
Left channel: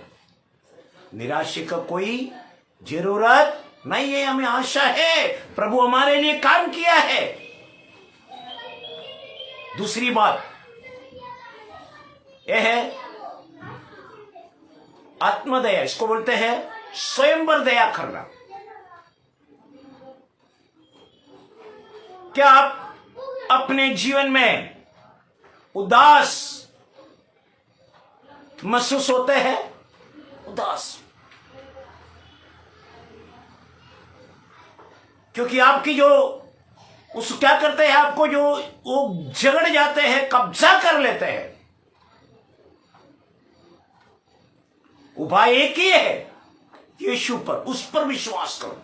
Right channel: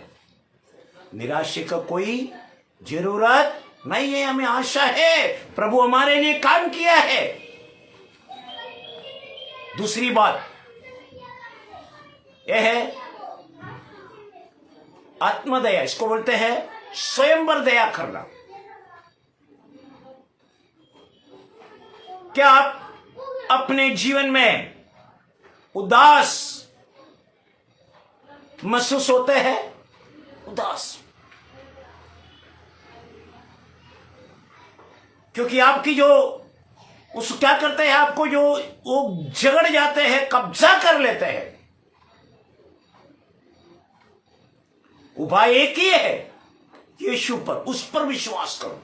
निराशा का कोई जरूरत नहीं है। हमें आशा है, प्रभु हमारे लिए काम किया है। दूसरी बात यह है आत्मदया। इसको बोलते हैं स्वयं पर दया करना। क्या आप अपने जीवन में उदास महसूस होते हैं? उदास क्योंकि आपकी जो उस क्या करते हैं, आपको जो वो झगड़ जाते हैं, कब्जा कर लेते हैं। उपाय एक ही है, यीशु पर, उस पर विश्वास करो,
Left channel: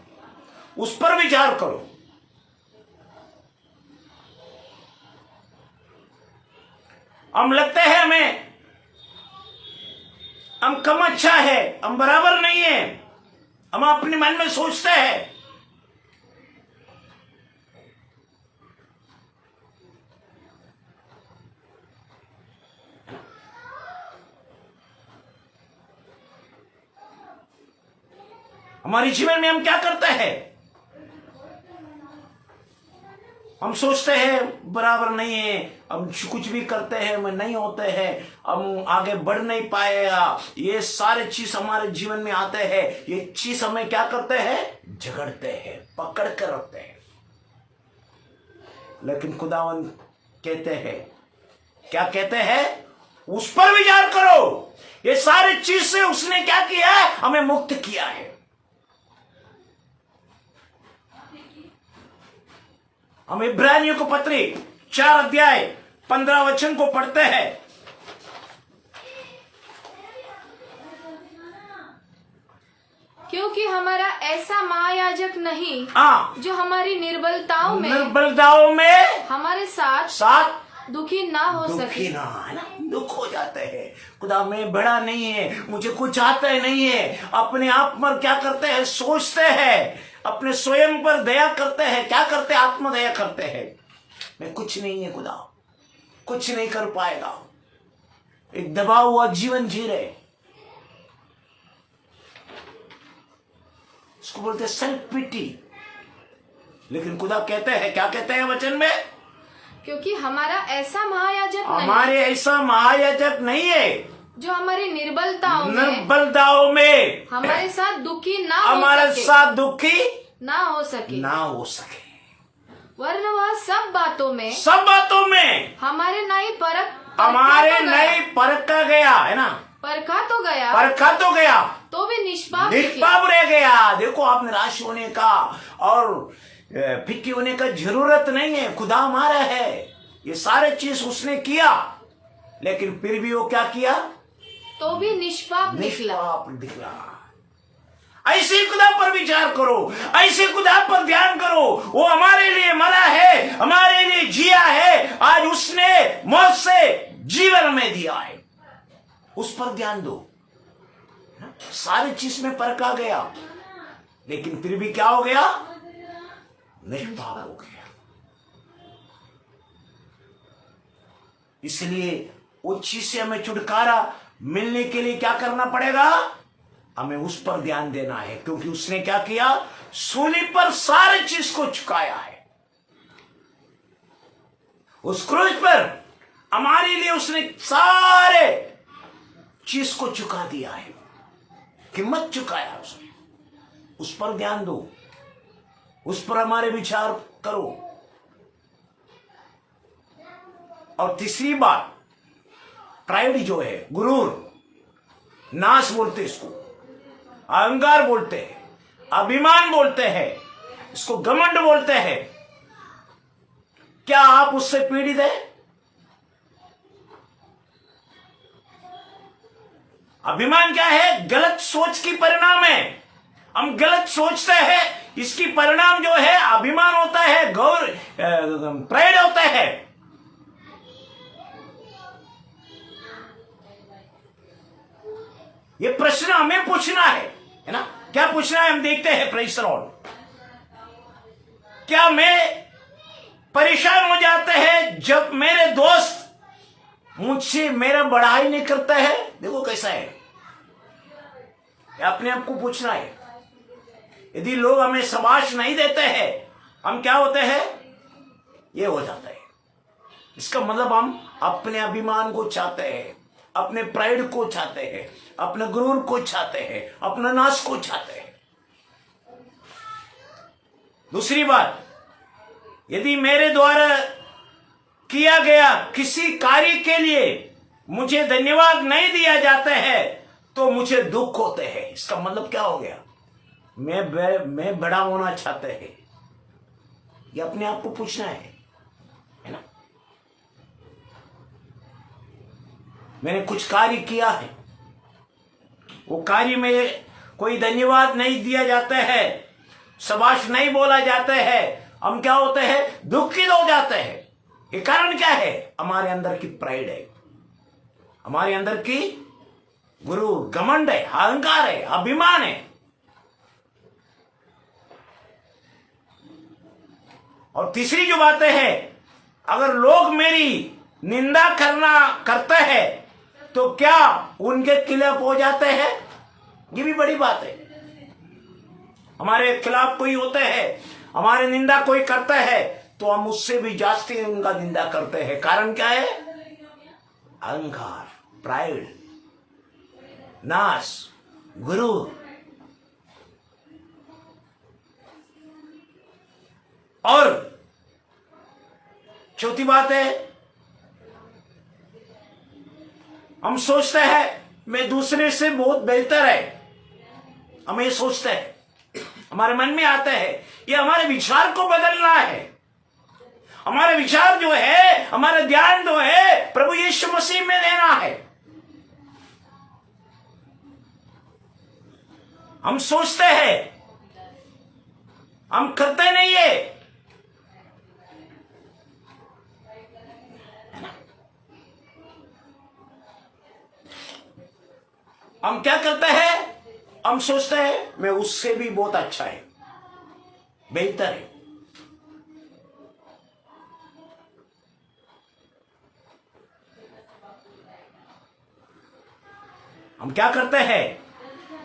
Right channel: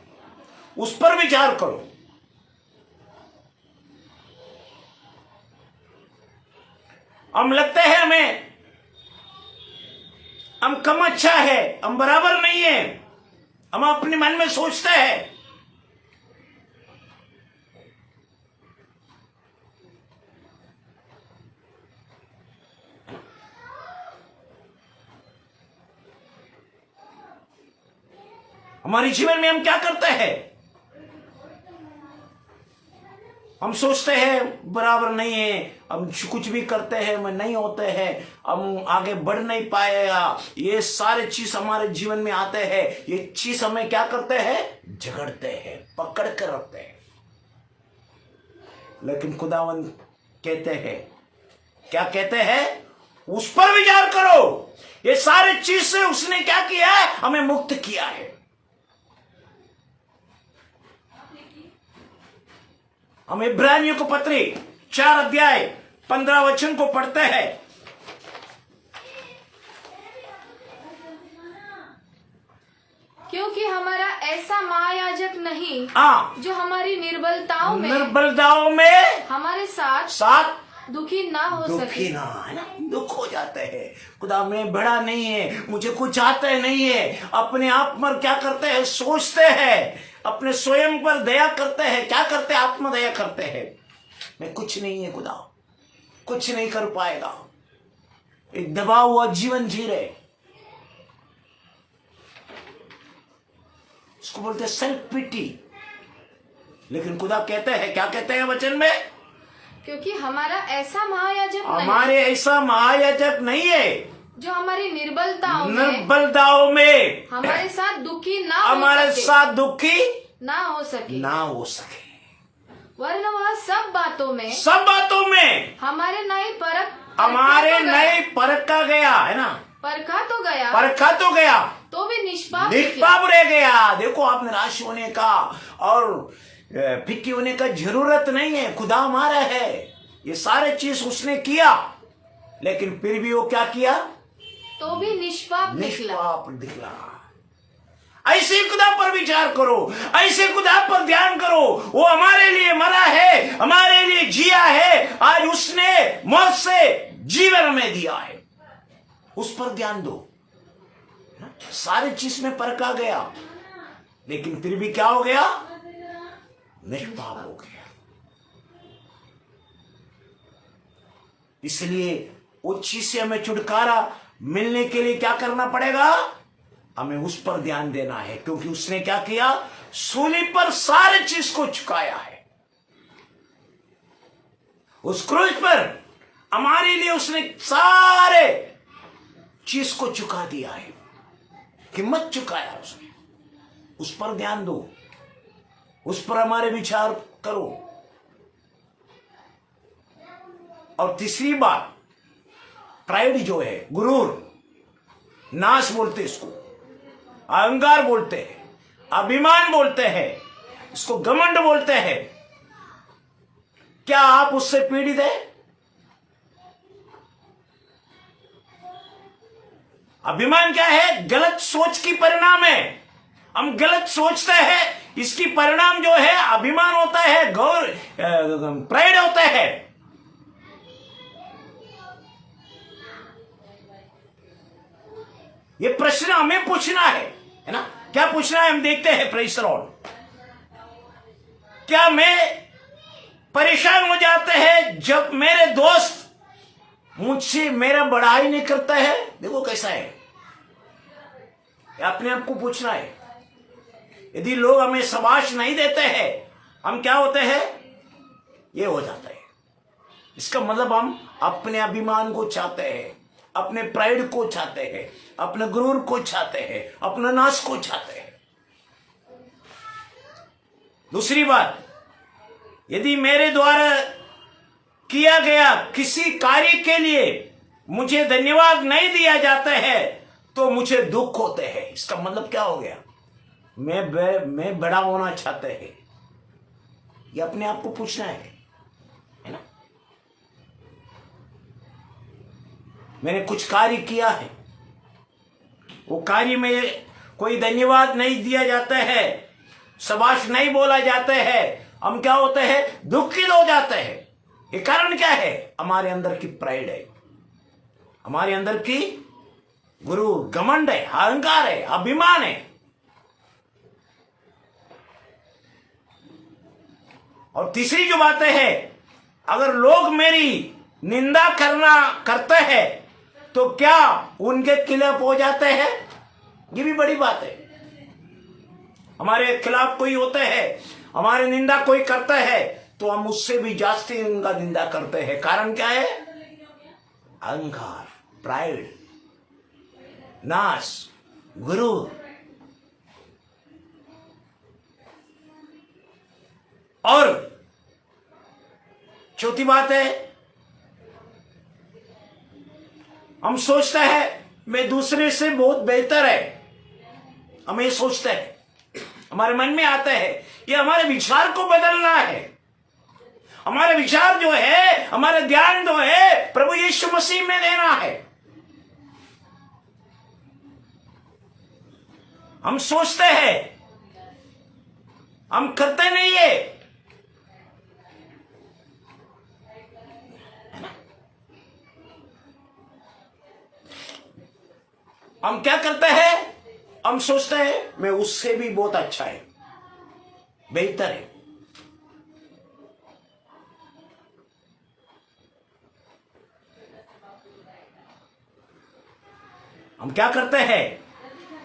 उस पर विचार करो। हम लगते हैं हम कम अच्छा है, हम बराबर नहीं है, हम अपने मन में सोचते हैं। हमारे जीवन में हम क्या करते हैं? हम सोचते हैं बराबर नहीं है, हम कुछ भी करते हैं मैं नहीं होते हैं, हम आगे बढ़ नहीं पाएगा। ये सारे चीज हमारे जीवन में आते हैं। ये चीज हमें क्या करते हैं? झगड़ते हैं, पकड़ कर रखते हैं। लेकिन खुदावन कहते हैं, क्या कहते हैं? उस पर विचार करो। ये सारे चीज से उसने क्या किया है? हमें मुक्त किया है। हम इब्रानियों को पत्री 4 अध्याय 15 वचन को पढ़ते हैं। क्योंकि हमारा ऐसा महायाजक नहीं जो हमारी निर्बलताओं में हमारे साथ दुखी ना हो सके। दुख हो जाते हैं। खुदा मैं बड़ा नहीं है, मुझे कुछ आता नहीं है। अपने आप पर क्या करते हैं? सोचते हैं, अपने स्वयं पर दया करते हैं। क्या करते हैं? आत्मदया करते हैं। मैं कुछ नहीं है, खुदा कुछ नहीं कर पाएगा। एक दबा हुआ जीवन जी रहे। इसको बोलते हैं सेल्फ पिटी। लेकिन खुदा कहते हैं, क्या कहते हैं वचन में? क्योंकि हमारा ऐसा महायाजक हमारे ऐसा महायाजक नहीं है जो हमारी निर्बलताओं में हमारे साथ दुखी हमारे साथ दुखी ना हो सके, वरन वह सब बातों में हमारे नई परखा गया है ना, परखा तो गया तो भी निष्पाप रह गया। देखो, आप निराश होने का और फिक्की होने का जरूरत नहीं है। खुदा हमारा है, ये सारे चीज उसने किया, लेकिन फिर भी वो क्या किया? तो भी निष्पाप निकला। ऐसे खुदा पर विचार करो, ऐसे खुदा पर ध्यान करो। वो हमारे लिए मरा है, हमारे लिए जिया है, आज उसने मौत से जीवन में दिया है, उस पर ध्यान दो। सारी चीज में परखा गया, लेकिन फिर भी क्या हो गया? निष्पाप हो गया। इसलिए उस चीज से हमें छुटकारा मिलने के लिए क्या करना पड़ेगा? हमें उस पर ध्यान देना है, क्योंकि उसने क्या किया? सूली पर सारे चीज को चुकाया है। उस क्रूस पर हमारे लिए उसने सारे चीज को चुका दिया है, कीमत चुकाया उसने। उस पर ध्यान दो, उस पर हमारे विचार करो। और तीसरी बात, प्राइड जो है, गुरूर, नाश बोलते इसको, अहंकार बोलते हैं, अभिमान बोलते हैं, इसको घमंड बोलते हैं। क्या आप उससे पीड़ित हैं? अभिमान क्या है? गलत सोच की परिणाम है। हम गलत सोचते हैं, इसकी परिणाम जो है अभिमान होता है, प्राइड होता है। ये प्रश्न हमें पूछना है ना? क्या पूछना है? हम देखते हैं। Praise the Lord. क्या मैं परेशान हो जाते हैं जब मेरे दोस्त मुझसे मेरा बड़ाई नहीं करता है? देखो कैसा है, अपने आप को पूछना है। यदि लोग हमें शाबाश नहीं देते हैं, हम क्या होते हैं? ये हो जाता है। इसका मतलब हम अपने अभिमान को चाहते हैं, अपने प्राइड को चाहते हैं, अपने गुरूर को चाहते हैं, अपने नाश को चाहते हैं। दूसरी बात, यदि मेरे द्वारा किया गया किसी कार्य के लिए मुझे धन्यवाद नहीं दिया जाता है तो मुझे दुख होते हैं। इसका मतलब क्या हो गया? मैं बड़ा होना चाहते हैं। ये अपने आप को पूछना है ना? मैंने कुछ कार्य किया है, वो कार्य में कोई धन्यवाद नहीं दिया जाता है, शाबाश नहीं बोला जाता है, हम क्या होते हैं? दुखित हो जाते हैं। ये कारण क्या है? हमारे अंदर की प्राइड है, हमारे अंदर की गुरु घमंड है, अहंकार है, अभिमान है। और तीसरी जो बात है, अगर लोग मेरी निंदा करते हैं तो क्या उनके खिलाफ हो जाते हैं? ये भी बड़ी बात है। हमारे खिलाफ कोई होते हैं, हमारी निंदा कोई करता है तो हम उससे भी जास्ती उनका निंदा करते हैं। कारण क्या है? अहंकार, प्राइड, नाश, गुरु। और चौथी बात है, हम सोचते हैं मैं दूसरे से बहुत बेहतर है। हम ये सोचते हैं, हमारे मन में आता है। ये हमारे विचार को बदलना है। हमारे विचार जो है, हमारा ध्यान जो है प्रभु यीशु मसीह में लेना है। हम सोचते हैं, हम करते नहीं है। हम क्या करते हैं? हम सोचते हैं मैं उससे भी बहुत अच्छा है, बेहतर है। हम क्या करते हैं?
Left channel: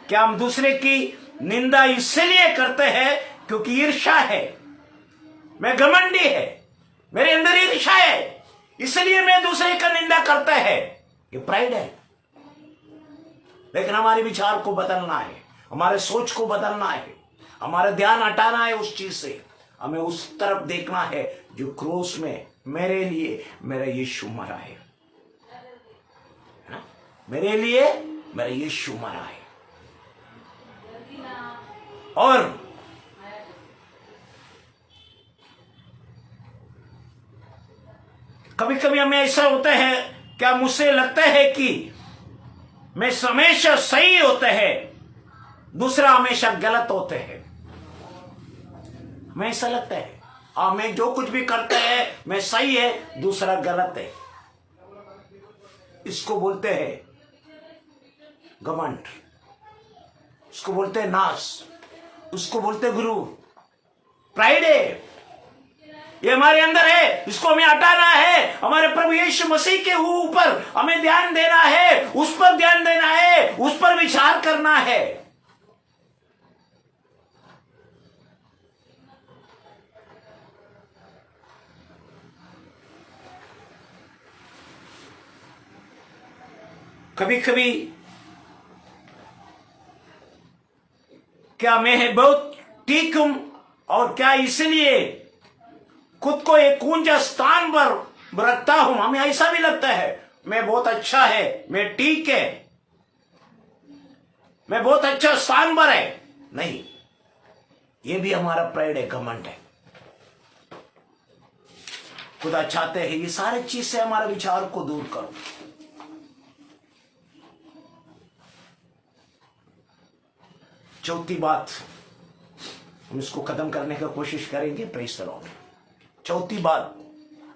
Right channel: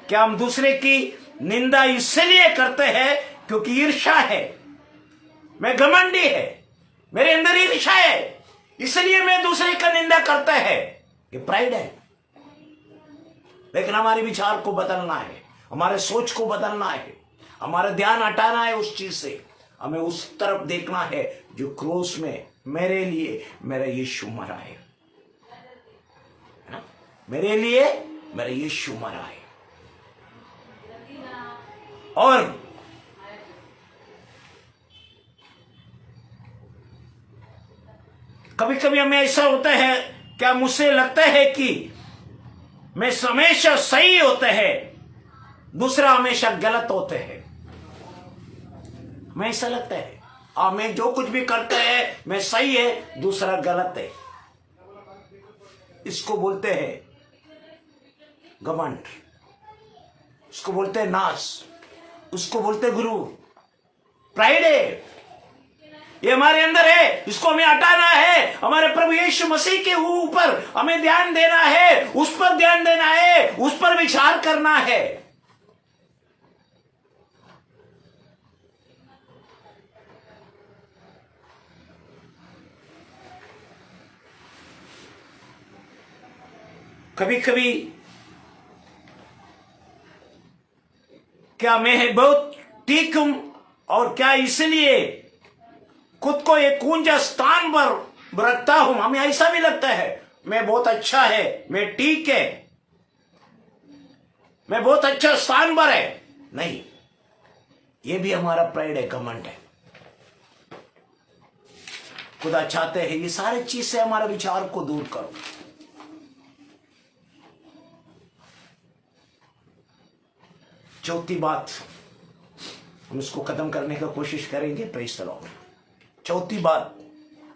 क्या हम दूसरे की निंदा इसलिए करते हैं क्योंकि ईर्ष्या है, मैं घमंडी है, मेरे अंदर ईर्ष्या है, इसलिए मैं दूसरे का निंदा करता है। ये प्राइड है। लेकिन हमारे विचार को बदलना है, हमारे सोच को बदलना है, हमारा ध्यान हटाना है उस चीज से। हमें उस तरफ देखना है जो क्रूस में मेरे लिए मेरा यीशु मरा है, मेरे लिए मेरा यीशु मरा है। और कभी कभी हमें ऐसा होता है, क्या मुझसे लगता है कि मैं हमेशा सही होते हैं, दूसरा हमेशा गलत होते हैं। मैं ऐसा लगता है मैं जो कुछ भी करते हैं मैं सही है, दूसरा गलत है। इसको बोलते हैं घमंड, इसको बोलते हैं नाश, उसको बोलते हैं गुरु। प्राइड है, ये हमारे अंदर है, इसको हमें हटाना है। हमारे प्रभु यीशु मसीह के ऊपर हमें ध्यान देना है, उस पर ध्यान देना है, उस पर विचार करना है। कभी कभी क्या मैं बहुत ठीक हूं और क्या इसलिए खुद को एक ऊंचा स्थान पर रखता हूं। हमें ऐसा भी लगता है मैं बहुत अच्छा है, मैं ठीक है, मैं बहुत अच्छा स्थान पर है। नहीं, ये भी हमारा प्राइड है, घमंड है। खुदा चाहते हैं ये सारे चीज से हमारे विचार को दूर करो। चौथी बात, हम इसको खत्म करने की कोशिश करेंगे। Praise the Lord. चौथी बात,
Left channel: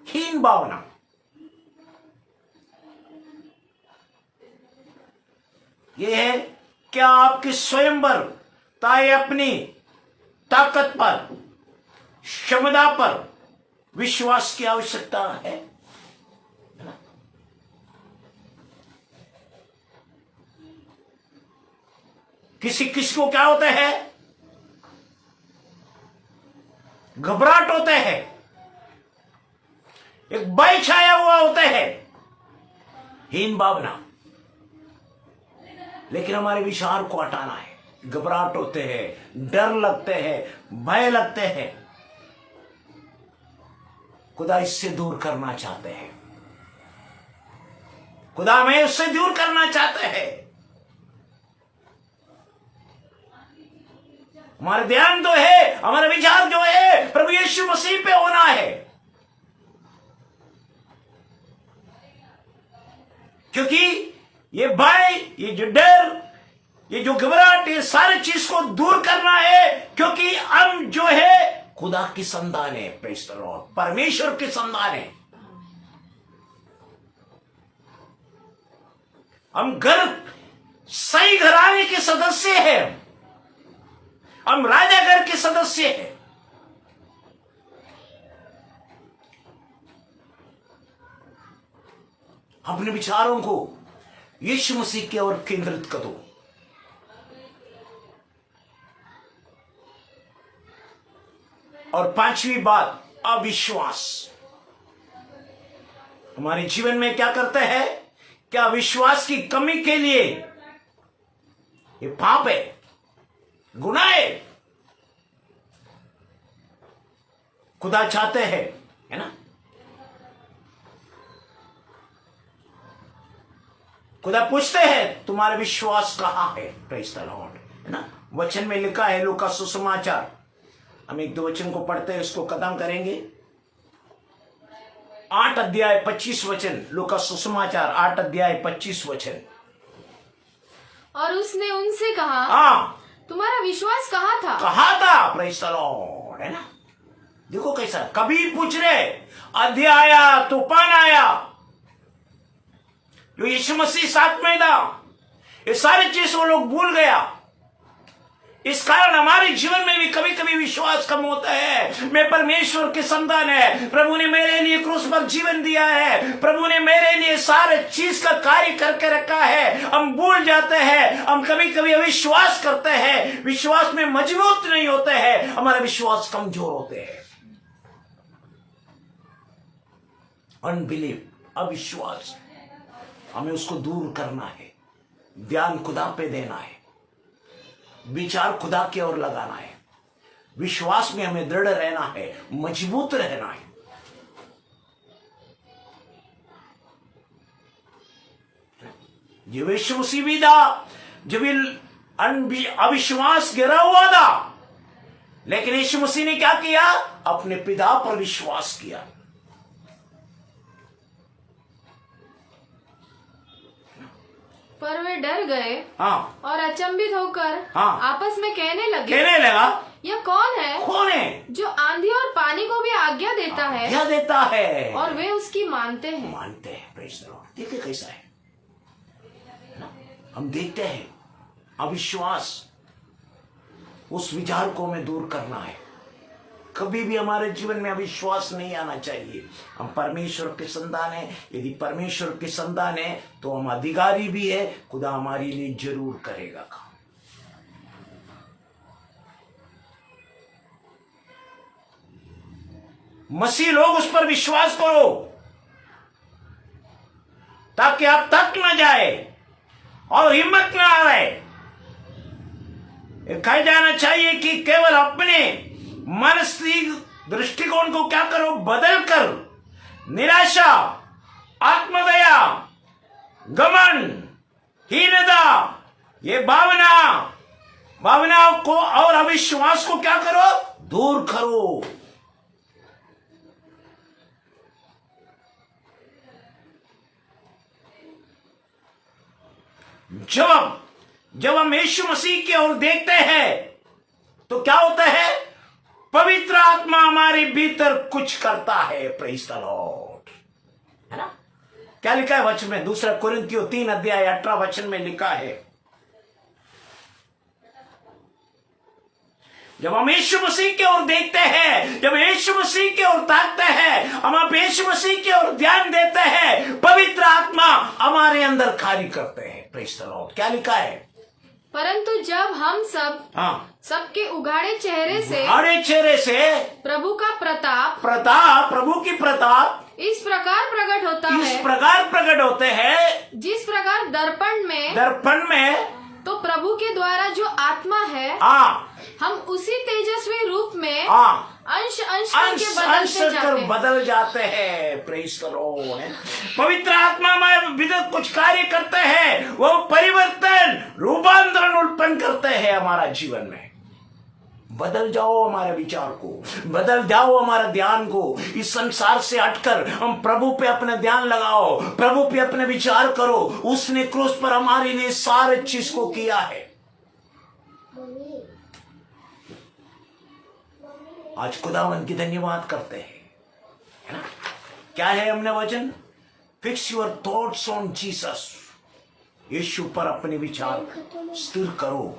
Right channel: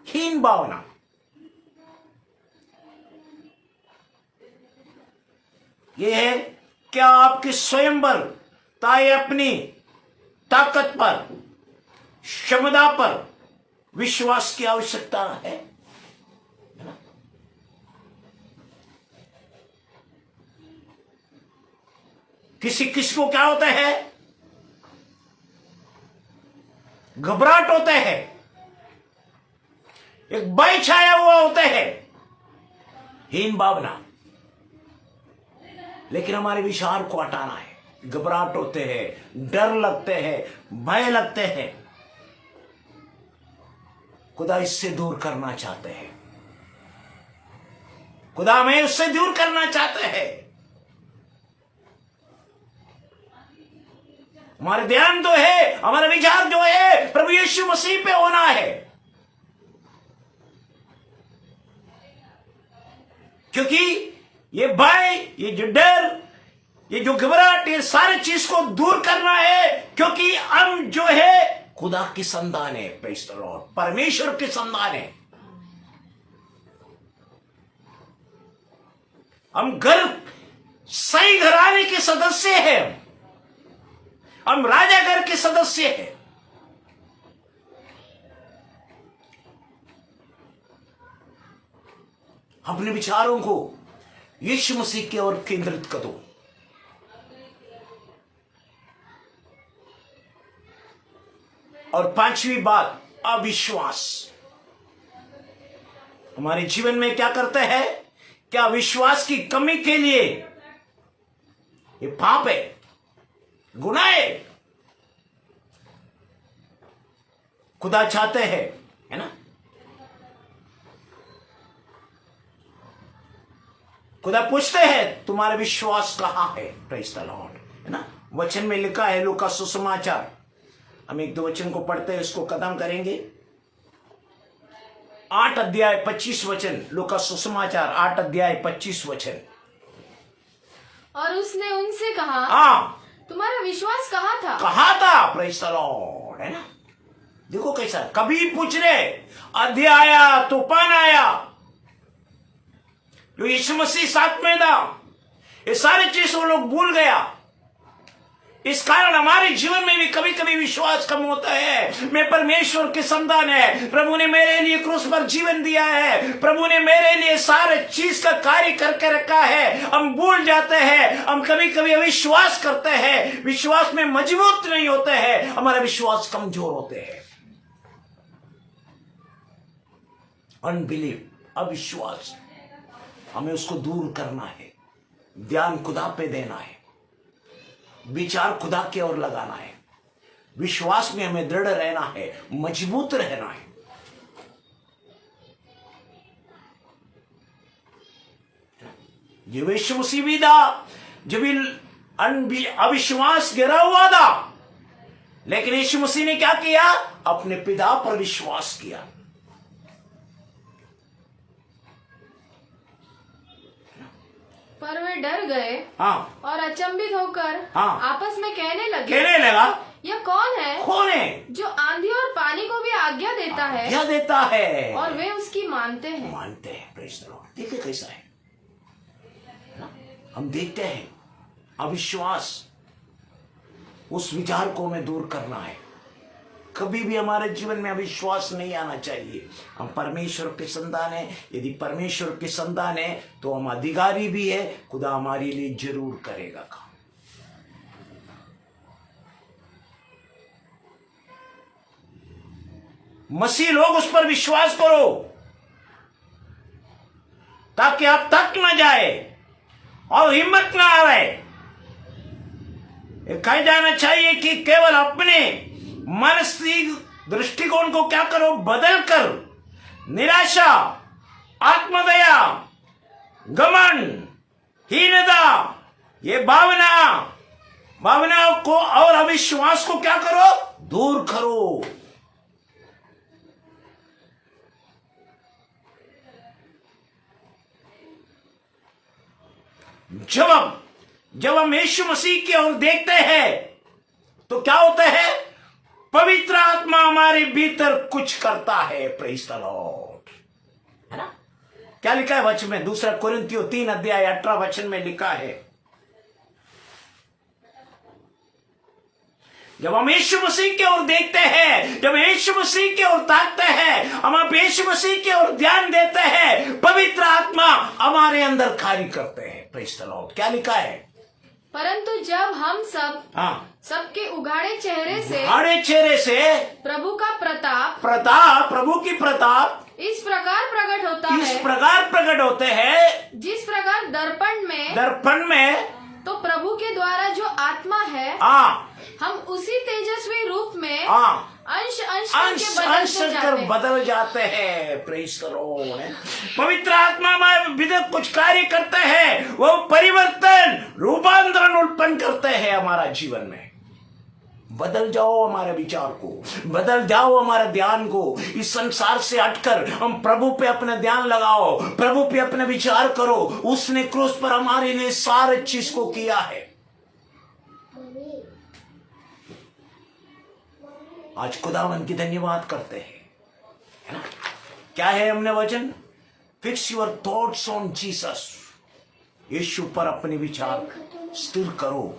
हीन भावना। यह है क्या आपकी स्वयंवर ताए अपनी ताकत पर, क्षमता पर विश्वास की आवश्यकता है। किसी को क्या होता है, घबराहट होता है, एक भय छाया हुआ होता है, हीन भावना। लेकिन हमारे विचार को हटाना है। घबराहट होते हैं, डर लगते हैं, भय लगते हैं, खुदा इससे दूर करना चाहते हैं। खुदा हमें उससे दूर करना चाहते हैं। हमारा ध्यान तो है, हमारा विचार जो है प्रभु यीशु मसीह पे होना है, क्योंकि ये भय, ये जो डर, ये जो घबराहट, ये सारी चीज को दूर करना है। क्योंकि हम जो है खुदा की संतान है, प्रेज़ द लॉर्ड, परमेश्वर की संतान है। हम घर सही घराने के सदस्य हैं, हम राजा घर के सदस्य हैं। अपने विचारों को यीशु मसीह की ओर केंद्रित करो। और पांचवी बात, अविश्वास। हमारे जीवन में क्या करते हैं, क्या विश्वास की कमी के लिए ये पाप है, गुनाह है। खुदा चाहते हैं, है ना, खुदा पूछते हैं तुम्हारा विश्वास कहां है। प्रेज़ द लॉर्ड, है ना। वचन में लिखा है, लूका सुसमाचार, हम एक दो वचन को पढ़ते हैं, उसको खत्म करेंगे। 8 अध्याय 25 वचन, लूका सुसमाचार 8 अध्याय 25 वचन। और उसने उनसे कहा, हाँ, तुम्हारा विश्वास कहाँ था? कहाँ था? प्रेज़ द लॉर्ड, है ना। देखो कैसा, कभी पूछ रहे, आंधी आया, तूफान आया, जो यीशु मसीह साथ में था, ये सारी चीज वो लोग भूल गया। इस कारण हमारे जीवन में भी कभी कभी विश्वास कम होता है। मैं परमेश्वर की संतान है, प्रभु ने मेरे लिए क्रूस पर जीवन दिया है, प्रभु ने मेरे लिए सारे चीज का कार्य करके रखा है। हम भूल जाते हैं, हम कभी कभी अविश्वास करते हैं, विश्वास में मजबूत नहीं होते हैं, हमारा विश्वास कमजोर होते हैं। अनबिलीव, अविश्वास, हमें उसको दूर करना है, ध्यान खुदा पे देना है, विचार खुदा की ओर लगाना है, विश्वास में हमें दृढ़ रहना है, मजबूत रहना है। जब यीशु मसीह भी था, जब अविश्वास गिरा हुआ था, लेकिन यीशु मसीह ने क्या किया? अपने पिता पर विश्वास किया। पर वे डर गए हाँ, और अचंभित होकर हाँ, आपस में कहने लगा यह कौन है जो आंधी और पानी को भी आज्ञा देता है और वे उसकी मानते हैं। Praise the Lord. देखिए कैसा है, हम देखते हैं अविश्वास, उस विचार को हमें दूर करना है। कभी भी हमारे जीवन में अविश्वास नहीं आना चाहिए। हम परमेश्वर के संतान हैं। यदि परमेश्वर के संतान है तो हम अधिकारी भी है, खुदा हमारे लिए जरूर करेगा काम। मसीह लोग, उस पर विश्वास करो ताकि आप थक न जाए और हिम्मत न आए। कहा जाना चाहिए कि केवल अपने मानसिक दृष्टिकोण को क्या करो? बदल कर निराशा, आत्मदया, घमंड, हीनता, ये भावनाओं को और अविश्वास को क्या करो? दूर करो। जब हम यीशु मसीह की ओर देखते हैं तो क्या होता है? पवित्र आत्मा हमारे भीतर कुछ करता है। प्रेज़ द लॉर्ड, है ना? क्या लिखा है वचन में? 2 कुरिन्थियों 3 अध्याय 18 वचन में लिखा है, जब हम यीशु मसीह की ओर देखते हैं, जब यीशु मसीह की ओर ताकते हैं, हम यीशु मसीह की ओर ध्यान देते हैं, पवित्र आत्मा हमारे अंदर कार्य करते हैं। Praise the Lord. क्या लिखा है? परंतु जब हम सबके उघाड़े चेहरे से प्रभु का प्रभु की प्रताप इस प्रकार प्रकट होते हैं, जिस प्रकार दर्पण में तो प्रभु के द्वारा जो आत्मा है, हम उसी तेजस्वी रूप में अंश कर बदल जाते हैं। Praise the Lord. पवित्र आत्मा हमारे भीतर कुछ कार्य करते हैं, वो परिवर्तन, रूपांतरण उत्पन्न करते हैं हमारा जीवन में। बदल जाओ हमारे विचार को, बदल जाओ हमारे ध्यान को। इस संसार से हटकर हम प्रभु पे अपना ध्यान लगाओ, प्रभु पे अपने विचार करो। उसने क्रूस पर हमारे लिए सारे चीज को किया है। आज खुदावन की धन्यवाद करते हैं, है ना? क्या है हमने वचन? Fix your thoughts on Jesus. यीशु पर अपने विचार स्थिर करो,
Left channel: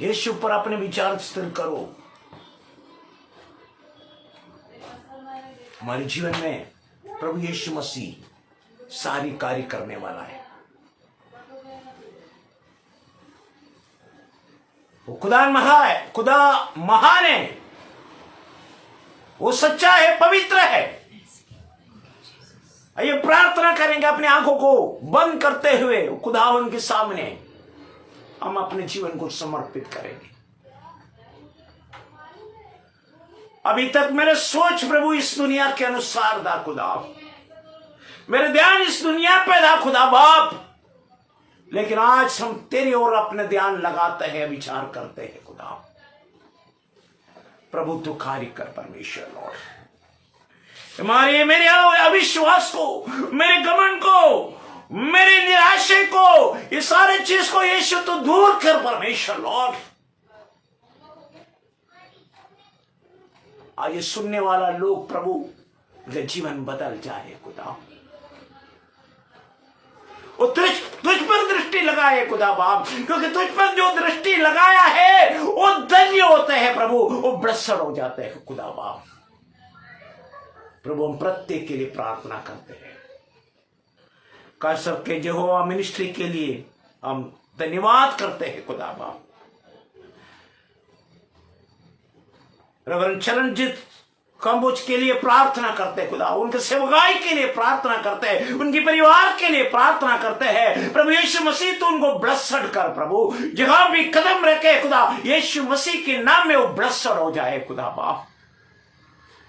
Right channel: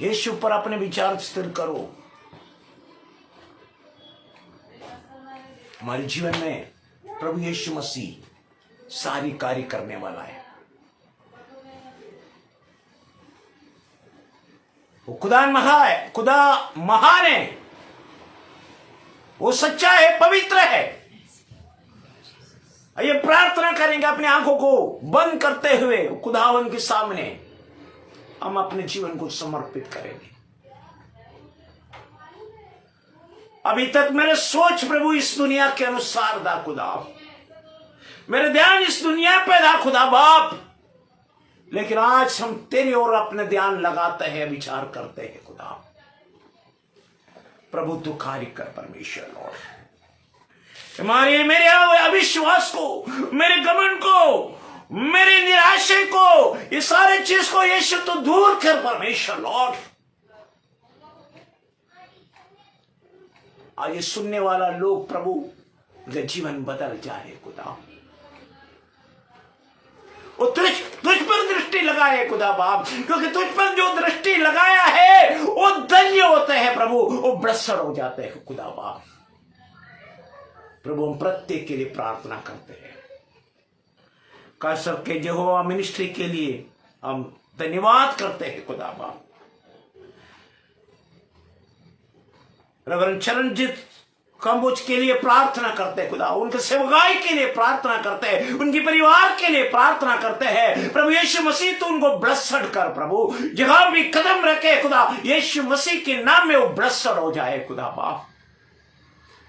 यीशु पर अपने विचार स्थिर करो। हमारे जीवन में प्रभु यीशु मसीह सारी कार्य करने वाला है। वो खुदा महान है, वो सच्चा है, पवित्र है। आइए प्रार्थना करेंगे, अपने आंखों को बंद करते हुए खुदावन के सामने हम अपने जीवन को समर्पित करेंगे। अभी तक मेरे सोच प्रभु इस दुनिया के अनुसार था खुदा, मेरे ध्यान इस दुनिया पे था खुदा बाप, लेकिन आज हम तेरी ओर अपने ध्यान लगाते हैं, विचार करते हैं खुदा। प्रभु तू कार्य कर परमेश्वर लॉर्ड। मेरे अविश्वास को, मेरे घमंड को, मेरे निराशा को, ये सारे चीज को यीशु तो दूर कर परमेश्वर लॉर्ड। आज ये सुनने वाला लोग प्रभु का जीवन बदल जाए खुदा। वो तुझ पर दृष्टि लगाए खुदा बाप, क्योंकि तुझ पर जो दृष्टि लगाया है वो धन्य होते हैं प्रभु, वो ब्लेस्ड हो जाते हैं खुदा बाप। प्रभु हम प्रत्येक के लिए प्रार्थना करते हैं, कासर के यहोवा मिनिस्ट्री के लिए हम धन्यवाद करते हैं खुदा बाप। रेवरेंड चरणजीत कंबोज के लिए प्रार्थना करते हैं खुदा, उनके सेवकाई के लिए प्रार्थना करते हैं, उनके परिवार के लिए प्रार्थना करते हैं। प्रभु यीशु मसीह तो उनको ब्लेस्ड कर प्रभु, जहां भी कदम रखे खुदा यीशु मसीह के नाम में वो ब्लेस्ड हो जाए खुदा बाप।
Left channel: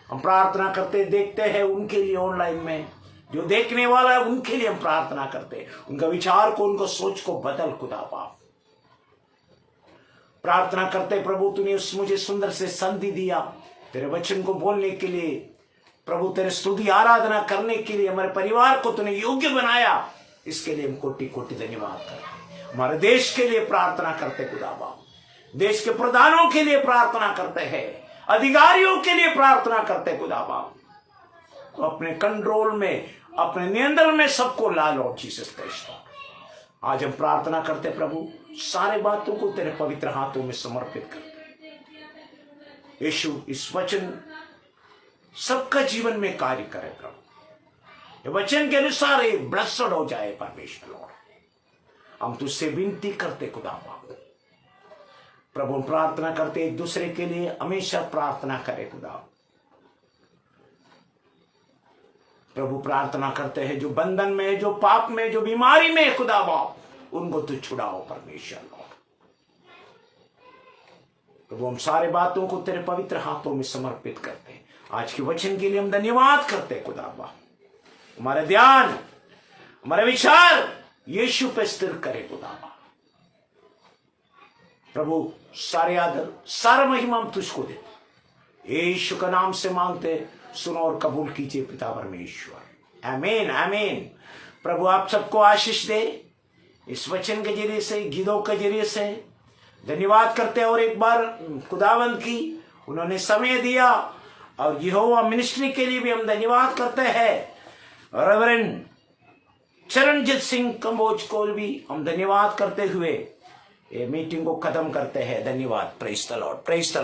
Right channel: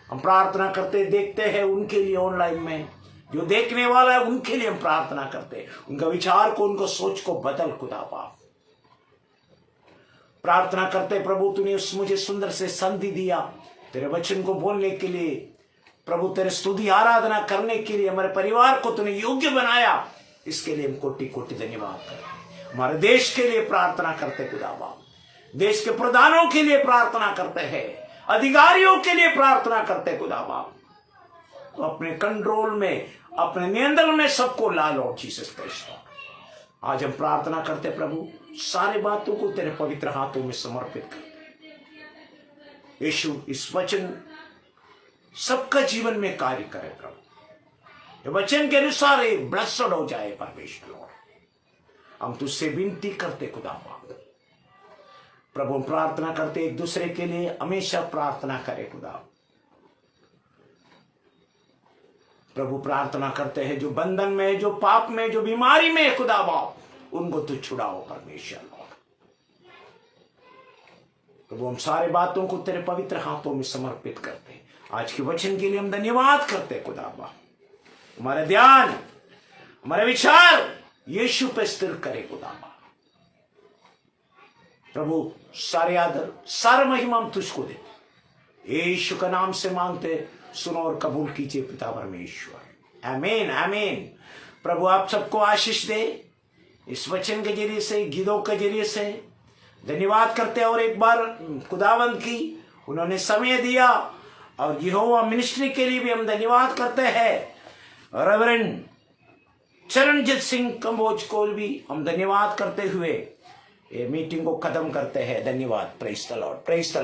हम प्रार्थना करते देखते हैं उनके लिए, ऑनलाइन में जो देखने वाला है उनके लिए हम प्रार्थना करते हैं, उनका विचार को, उनको सोच को बदल खुदा बाप। प्रार्थना करते प्रभु तूने मुझे सुंदर से संधि दिया तेरे वचन को बोलने के लिए प्रभु, तेरे स्तुति आराधना करने के लिए हमारे परिवार को तूने योग्य बनाया, इसके लिए हम कोटि कोटि धन्यवाद करते। हमारे देश के लिए प्रार्थना करते खुदा बाप, देश के प्रधानों के लिए प्रार्थना करते हैं, अधिकारियों के लिए प्रार्थना करते खुदा बाप। तो अपने कंट्रोल में, अपने नियंत्रण में सबको ला लो जीसस क्राइस्ट। आज हम प्रार्थना करते प्रभु, सारे बातों को तेरे पवित्र हाथों में समर्पित करते। यीशु इस वचन सबका जीवन में कार्य करे प्रभु, ये वचन के अनुसार एक ब्लेस्ड हो जाए परमेश्वर लॉर्ड। हम तुझसे विनती करते खुदा बाप। प्रभु हम प्रार्थना करते एक दूसरे के लिए, हमेशा प्रार्थना करे खुदा प्रभु। प्रार्थना करते हैं जो बंधन में, जो पाप में, जो बीमारी में खुदा बाप, उनको तू छुड़ाओ परमेश्वर लॉर्ड। प्रभु हम सारे बातों को तेरे पवित्र हाथों में समर्पित करते हैं। आज के वचन के लिए हम धन्यवाद करते खुदा बाप। हमारा ध्यान, हमारे विचार यीशु पे स्थिर करे खुदा बाप। प्रभु सारे आदर, सारा महिमा हम तुझको देते, यीशु का नाम से मांगते, सुनो और कबूल कीजिए पिता परमेश्वर। आमीन आमीन। प्रभु आप सबको आशीष दे, इस वचन के जरिए से, गीतों के जरिए से धन्यवाद करते हैं। और एक बार खुदावंद की उन्होंने समय दिया, और यहोवा मिनिस्ट्री के लिए भी हम धन्यवाद करते हैं। रेवरेंड चरणजीत सिंह कंबोज को भी हम धन्यवाद करते हुए ये मीटिंग को खत्म करते हैं। धन्यवाद। Praise the Lord, praise the